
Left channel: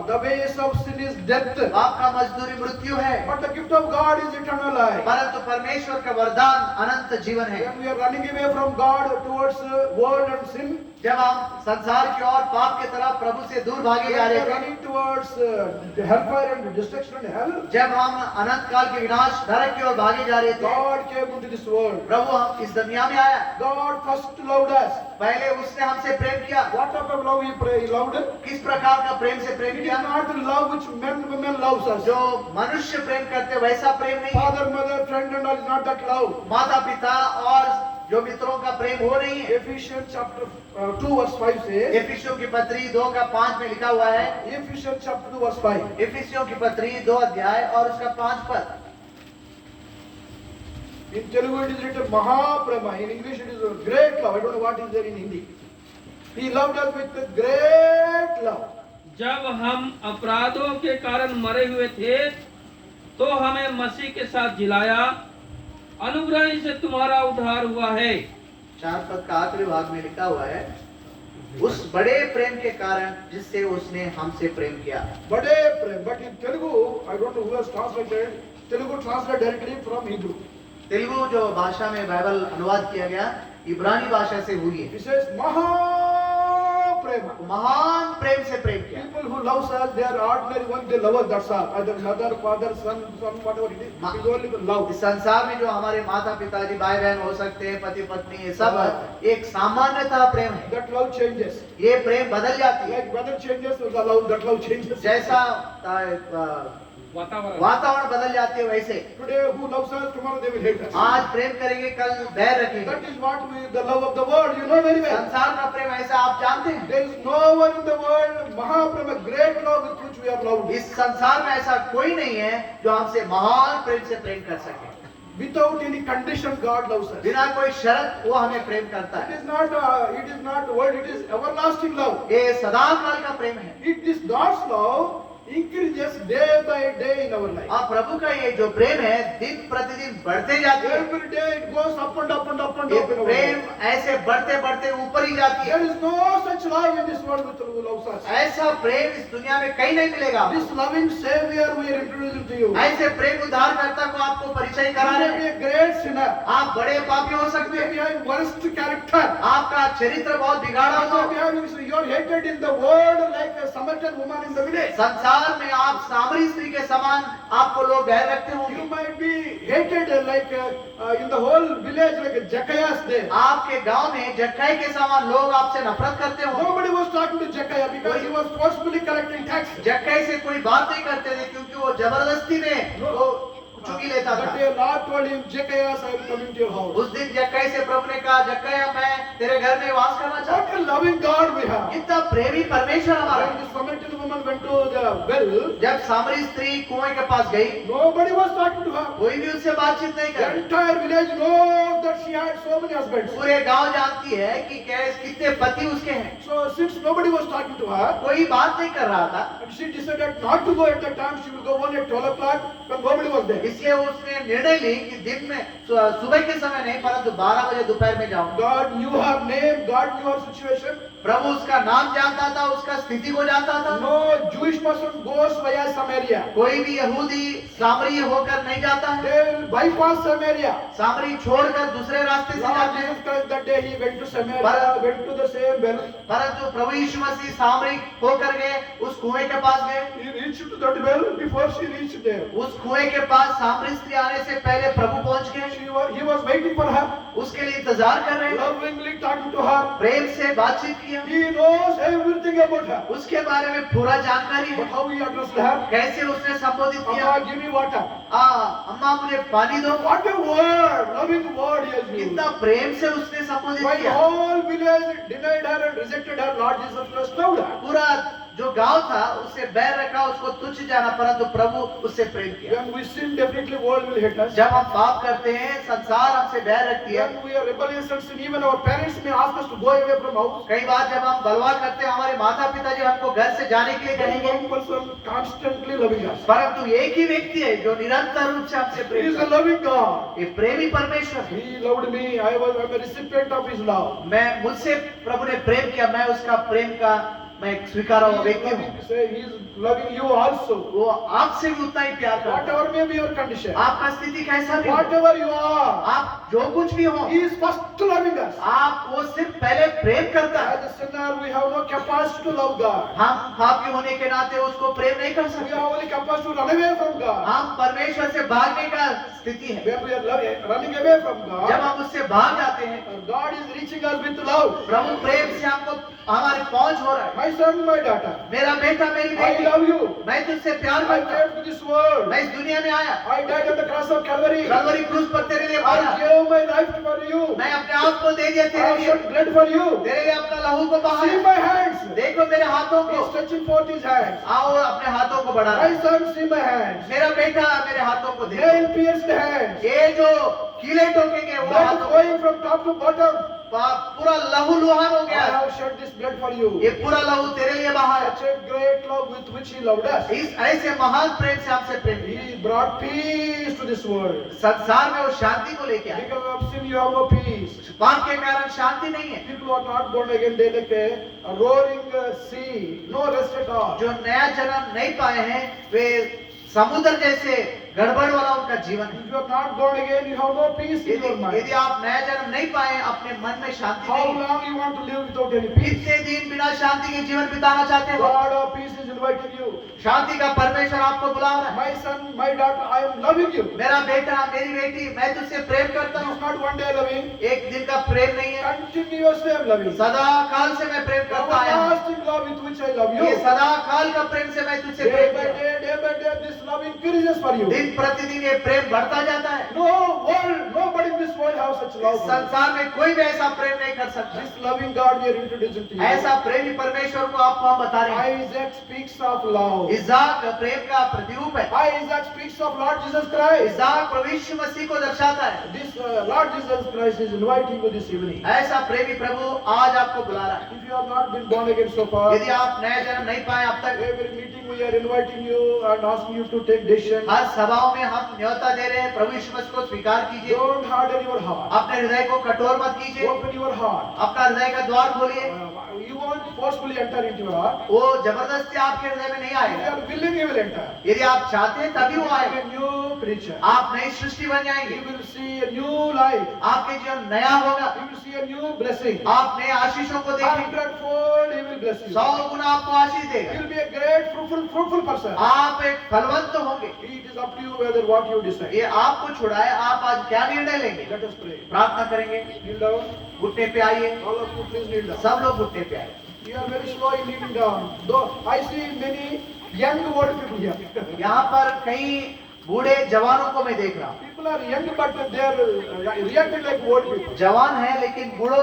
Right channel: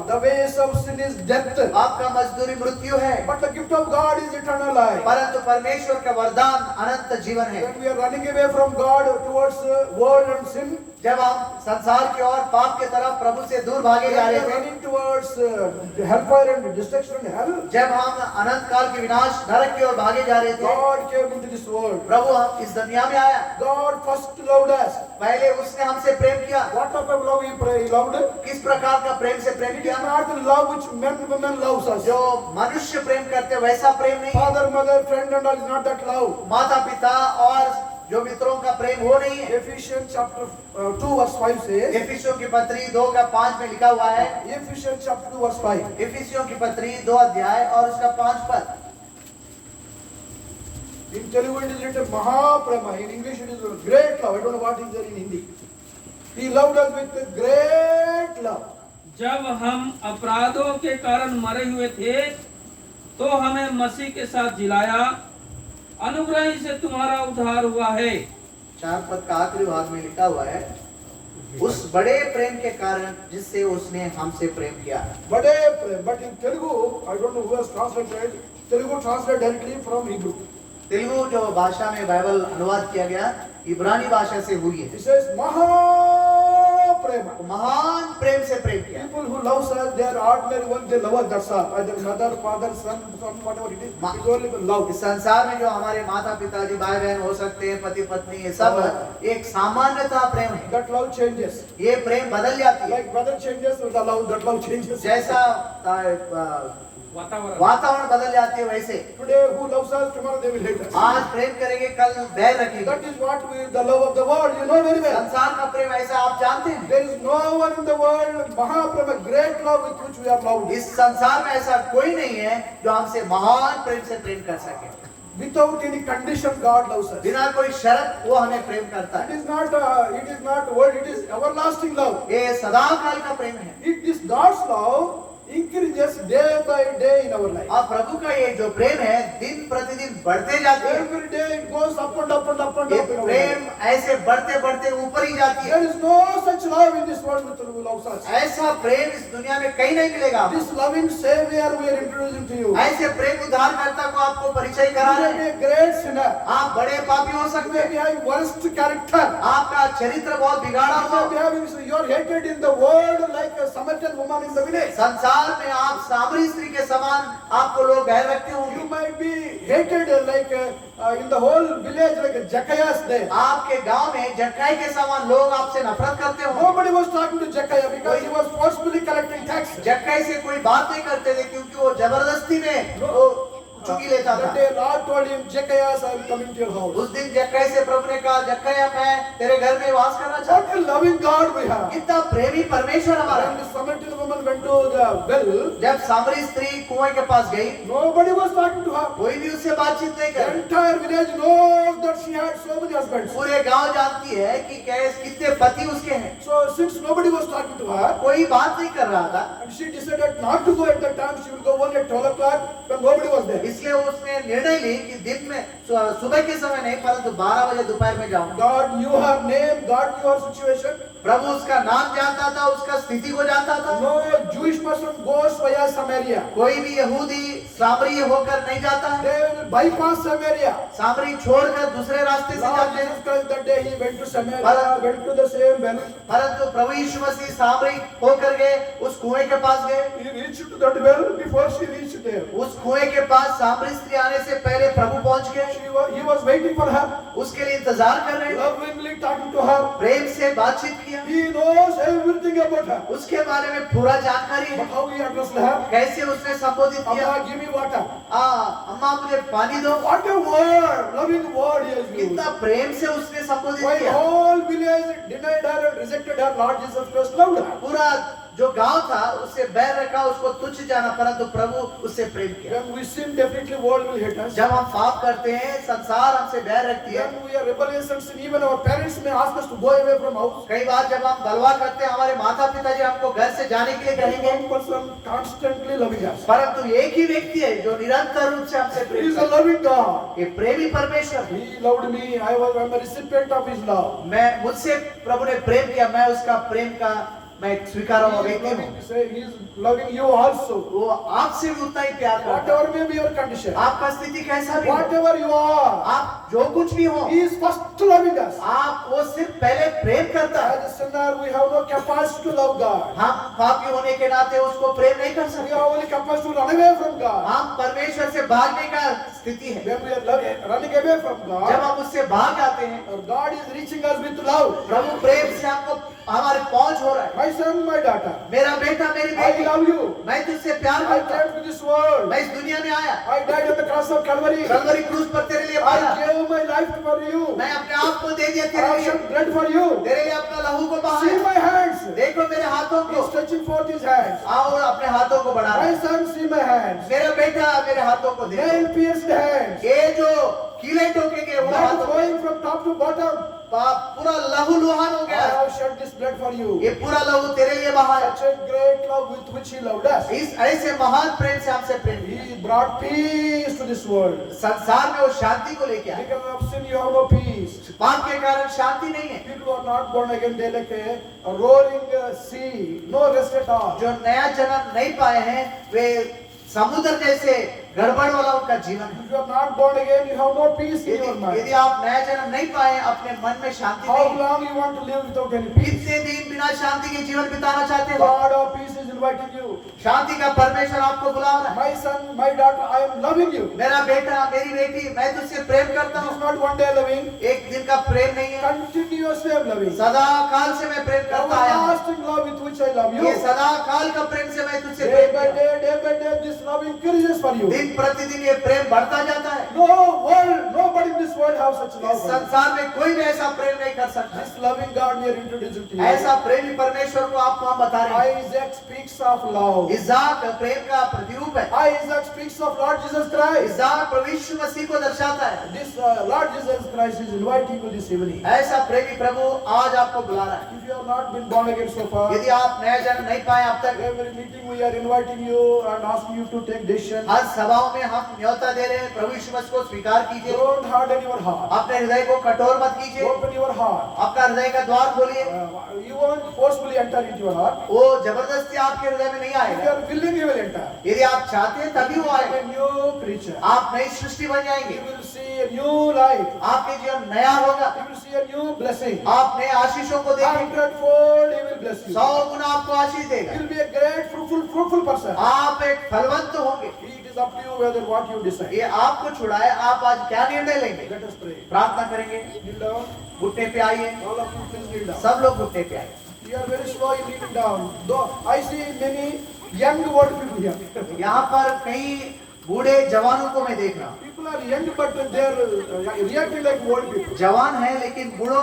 The ways of sin is death. पाप का मजदूरी मृत्यु है, But the gift of God is eternal life. परंतु परमेश्वर का वरदान अनंत जीवन है। When we are running away from God towards world and sin, जब हम संसार की ओर पाप की तरफ प्रभु से दूर भागे when जा we रहे are थे, running towards hellfire and destruction and hell, जब हम अनंत काल के विनाश नरक की ओर भागे जा रहे थे, God came into this world. प्रभु हम इस दुनिया में आया। God first loved us. पहले उसने हमसे प्रेम किया। What type of love He loved? किस प्रकार का प्रेम से प्रेम It किया? is not the love which women loves us. जो मनुष्य प्रेम करते वैसा प्रेम नहीं है। Father, mother, friend and all is not that love. माता पिता और जो मित्रों का प्रेम वो नहीं है। Ephesians chapter 2 verse 5 says, इफिसियों की पत्री 2:5 में लिखा हुआ है। Ephesians chapter 2 verse 5. इफिसियों की पत्री 2 अध्याय और उसका 5 पद। In Telugu it is written Mahaprema. In English it is a great love. I don't know what is there in Hindi. He loved us with a great love. जब हम अपराधों के कारण मरे हुए थे तो हमें मसीह के साथ जिलाया, अनुग्रह ही से तुम्हारा उद्धार हुआ है। 4 पद का आखिरी भाग में लिखा हुआ है, उस बड़े प्रेम के कारण जिससे उसने हमसे प्रेम किया। Bade prem. But in Telugu, I don't know who has translated. Telugu translated directly from Hebrew. Telugu जो भाषा में बाइबल अनुवाद किया गया इब्रानी भाषा से हुई है। He says Mahaprema. महान प्रेम से प्रेम किया। People who love us, they are ordinary one. They love us. That's all. Either mother, father, son, whatever it is. It is only love. इस संसार में जो हमारे माता पिताजी भाई बहन हो सकते हैं, पति पत्नी, ये सब एक सामान्यता प्रेम है। That love changes. ये प्रेम बदल जाती है। Like weather changes, the love, that love changes. जैसा वातावरण वातावरण बदल जाती है वैसे Today, who loves us, tomorrow they will hate us. आज प्रेम करेंगे, कल बैर रखेंगे। That is what the love of the world. You know very well. संसार का प्रेम ऐसा आप जानते हैं। There is no one in the world, Mahaprema, great love with which we are loved. इस संसार में ऐसा कोई नहीं है जो हमसे महान प्रेम से प्रेम कर सके। Without any condition, God loves us. बिना कोई शर्त वो हमें प्रेम करता It है। is not word. It is everlasting love. ये सदाकाल का प्रेम है। It is God's love increases day by day in our life. और प्रभु का ये जो प्रेम है दिन प्रतिदिन बढ़ते जाती है। Every day it goes up and up and up and ये up in our Prem life. ऐसे बढ़ते बढ़ते ऊपर ही जाती है। There is no such love in this world which loves us. ऐसा प्रेम इस दुनिया में कहीं नहीं मिलेगा। This loving Savior we are introducing to you. ऐसे प्रेम उद्धारकर्ता को आपको परिचय You करा may रहे be हैं। a great sinner. आप बड़े पापी हो You सकते may हैं, be having worst character. आपका चरित्र बहुत बिगाड़ा You हुआ may be having, you are hated in the world like a Samaritan woman in the village. संसार में आप सामरी स्त्री के समान आपको लोग बहर रखते You होंगे। might be hated like in the whole village like a Zacchaeus there. आपके गांव में जक्कई के समान लोग आपसे नफरत करते होंगे। Nobody was talking to Zacchaeus because he was forcefully collecting tax. जक्कई से कोई बात नहीं करते थे क्योंकि वो जबरदस्ती में वो चुंगी लेता That था। day Lord told him, Zacchaeus, I am coming to your house. उस दिन जक्कई से प्रभु ने कहा, जक्कई मैं तेरे घर में वास करना चाहता What a loving God we have. हूं। कितना प्रेमी परमेश्वर हमारा When है। the Samaritan woman went to the well, जब सामरी स्त्री कुएं के पास गई, nobody was talking to her. कोई भी उससे बातचीत नहीं The कर रहा। entire village knows that she had so many husbands. पूरे गांव जानती है कि कितने पति उसके हैं। So since nobody was talking to her, कोई बात नहीं कर रहा था, and she decided not to go at that time, she will go only at 12 o'clock when nobody was there. इसलिए उसने निर्णय ली कि दिन में सुबह के समय नहीं, परंतु 12 बजे दोपहर में जाऊंगा। God knew her name, God knew her situation. प्रभु उसका नाम जानता था, उसका स्थिति को जानता था। No Jewish person goes via Samaria. कोई भी यहूदी सामरी होकर नहीं जाता है। They will bypass Samaria. सामरी छोड़कर दूसरे रास्ते से Lord जाते हैं। Jesus Christ that day he went to Samaria, went to the same well. परंतु प्रभु यीशु मसीह सामरी होकर गए, उस कुएं के पास गए। He reached to that well before she reached there. उस कुएं के पास सामरी स्त्री आने से पहले प्रभु पहुंच गए। He was waiting for her, उसके लिए इंतजार कर रहे हैं, lovingly talking to her. प्रेम से बातचीत किया। He knows everything about her. उसके बारे में पूरा जानकारी है। But how he addressed her? कैसे उसने संबोधित किया? Amma, give me water. अम्मा मुझे पानी दो। What a word, loving word he has used. कितना प्रेम से उसने संबोधित While किया। all village denied her and rejected her, Lord Jesus Christ loved her. पूरा जो गांव था उससे बैर रखा, उसको तुच्छ जाना, परंतु प्रभु उससे प्रेम किया। When we sin, definitely world will hate us. जब हम पाप करते हैं, संसार हमसे बैर रखती है। When we are rebellious and sin, even our parents may ask us to go away from house. कई बार जब हम बलवा करते हैं, हमारे माता पिता जी हमको घर से जाने के लिए There is कहेंगे, one person constantly loving us. परंतु एक ही व्यक्ति है जो निरंतर रूप से हमसे He प्रेम is a करता loving God. है। ये प्रेमी परमेश्वर है। He loved me. I'm a recipient of His love. मैं मुझसे प्रभु ने प्रेम किया, मैं उसका प्रेम का मैं एक स्वीकार हुआ व्यक्ति हूँ। He is loving you also. वो आपसे भी उतना ही प्यार करता है। Whatever may be your condition, आपका स्थिति कैसा भी हो, whatever you are, आप जो कुछ भी हो, He is first loving us. आप वो सिर्फ पहले प्रेम करता है। As a sinner, we have no capacity to love God. हम पापी होने के नाते उसको प्रेम नहीं कर We सकते। have only capacity to run away from God. हम परमेश्वर से भागने का स्थिति है। When we are running away from जब God, हम उससे भाग जाते हैं, God is reaching us with love. प्रभु प्रेम से हमको हमारी पहुंच हो रहा है। My son, my daughter, मेरा बेटा, मेरी I बेटी, love you. मैं तुझसे प्यार I करता हूँ। came to this world. मैं इस दुनिया में आया, I died on the cross of Calvary. Kalvari क्रूस पर तेरे लिए I मरा। gave my life for you. मैं अपने आप को दे दिया I तेरे लिए, shed blood for you. तेरे लिए अपना लहू को See बहाया। my hands. देखो मेरे हाथों He को, is stretching forth his hands. आओ अपने हाथों को बढ़ा। My son, see my hands. मेरा बेटा मेरे हाथों को देखो, Nail pierced hands. ये जो कीले ठोकेंगे वो Blood हाथों को, flowing from top to bottom. पूरा लहू लुहान हो I गया। have shed this blood for you. ये पूरा लहू तेरे लिए बहा है। Such a great love with which he loved us. इस ऐसे महान प्रेम से हमसे प्रेम किया। He brought peace to this world. संसार में वो शांति को लेके आए। Because of sin, you have no peace. पाप के कारण शांति नहीं है। People who are not born again, they like a roaring sea, no rest at all. जो नया जन्म नहीं पाए हैं, वे समुद्र जैसे गड़बड़ वाला उनका जीवन है। If you are not born again, you have no peace in your यदि mind. आप नया जन्म नहीं पाए, अपने मन में शांति How नहीं, long you want to live without any peace? कितने दिन बिना शांति के जीवन बिताना चाहते हो? God of peace is inviting you. शांति का परमेश्वर आपको बुला रहा है। My son, my daughter, I am loving you. मेरा बेटा, मेरी बेटी, मैं तुझसे प्रेम करता It is हूँ। not one day loving. एक दिन का प्रेम नहीं है, Continuously I am loving. सदा काल से मैं प्रेम करता आया हूँ। Everlasting love with which I love ये you. सदा काल का प्रेम से मैं तुझसे Day प्रेम by करता हूँ। day, this love increases for you. दिन प्रतिदिन ये प्रेम बढ़ता जाता है। Nobody in this world have such इस love for you. संसार में कोई भी ऐसा प्रेम नहीं कर सकता। This loving God we are introducing to you. ऐसा प्रेमी परमेश्वर को आपको हम बता रहे हैं। Isaac speaks of love. इज़ाक प्रेम का प्रतिरूप है। Isaac speaks of Lord Jesus Christ. इज़ाक प्रभु यीशु मसीह को दर्शाता है। This Lord Jesus Christ is inviting you this evening. ऐसा प्रेमी प्रभु आज आपको बुला रहा है। If you have not been born again so far, यदि आप नया जन्म नहीं पाए अब तक, every meeting we are inviting you and asking you to take decision. हर सभाओं में हम न्योता दे रहे हैं, प्रभु यीशु मसीह को स्वीकार कीजिए। Don't harden your heart. अपने हृदय को कठोर मत कीजिए, Open your heart. अपना हृदय का द्वार खोलिए। You won't forcefully enter into your heart. वो जबरदस्ती आपके हृदय में नहीं If you आएगा। are willing, you will enter. यदि आप चाहते हैं तभी वो You are आएगा। a new creature. आप नई सृष्टि बन जाएंगे, You will see a new life. आपके जीवन नया होगा, You will see a new blessing. आप नए आशीषों को देखेंगे। 100-fold He will bless you. 100 गुना आपको आशीष You देगा। will be a great, fruitful person. आप एक फलवंत होंगे। It is up to you whether what you decide. ये आपको छुड़ा है, आप आज क्या निर्णय लेंगे? Let us pray. प्रार्थना करेंगे। Kneel down. घुटने पे आइए, All of you, please kneel down. सब लोग घुटने पे आइए। We are very slow in kneeling down. Though I see many young old people here. यहाँ पर कई बूढ़े जवानों को मैं देख रहा हूँ। People are young, but they are reacting like old people. जवान है लेकिन बूढ़ों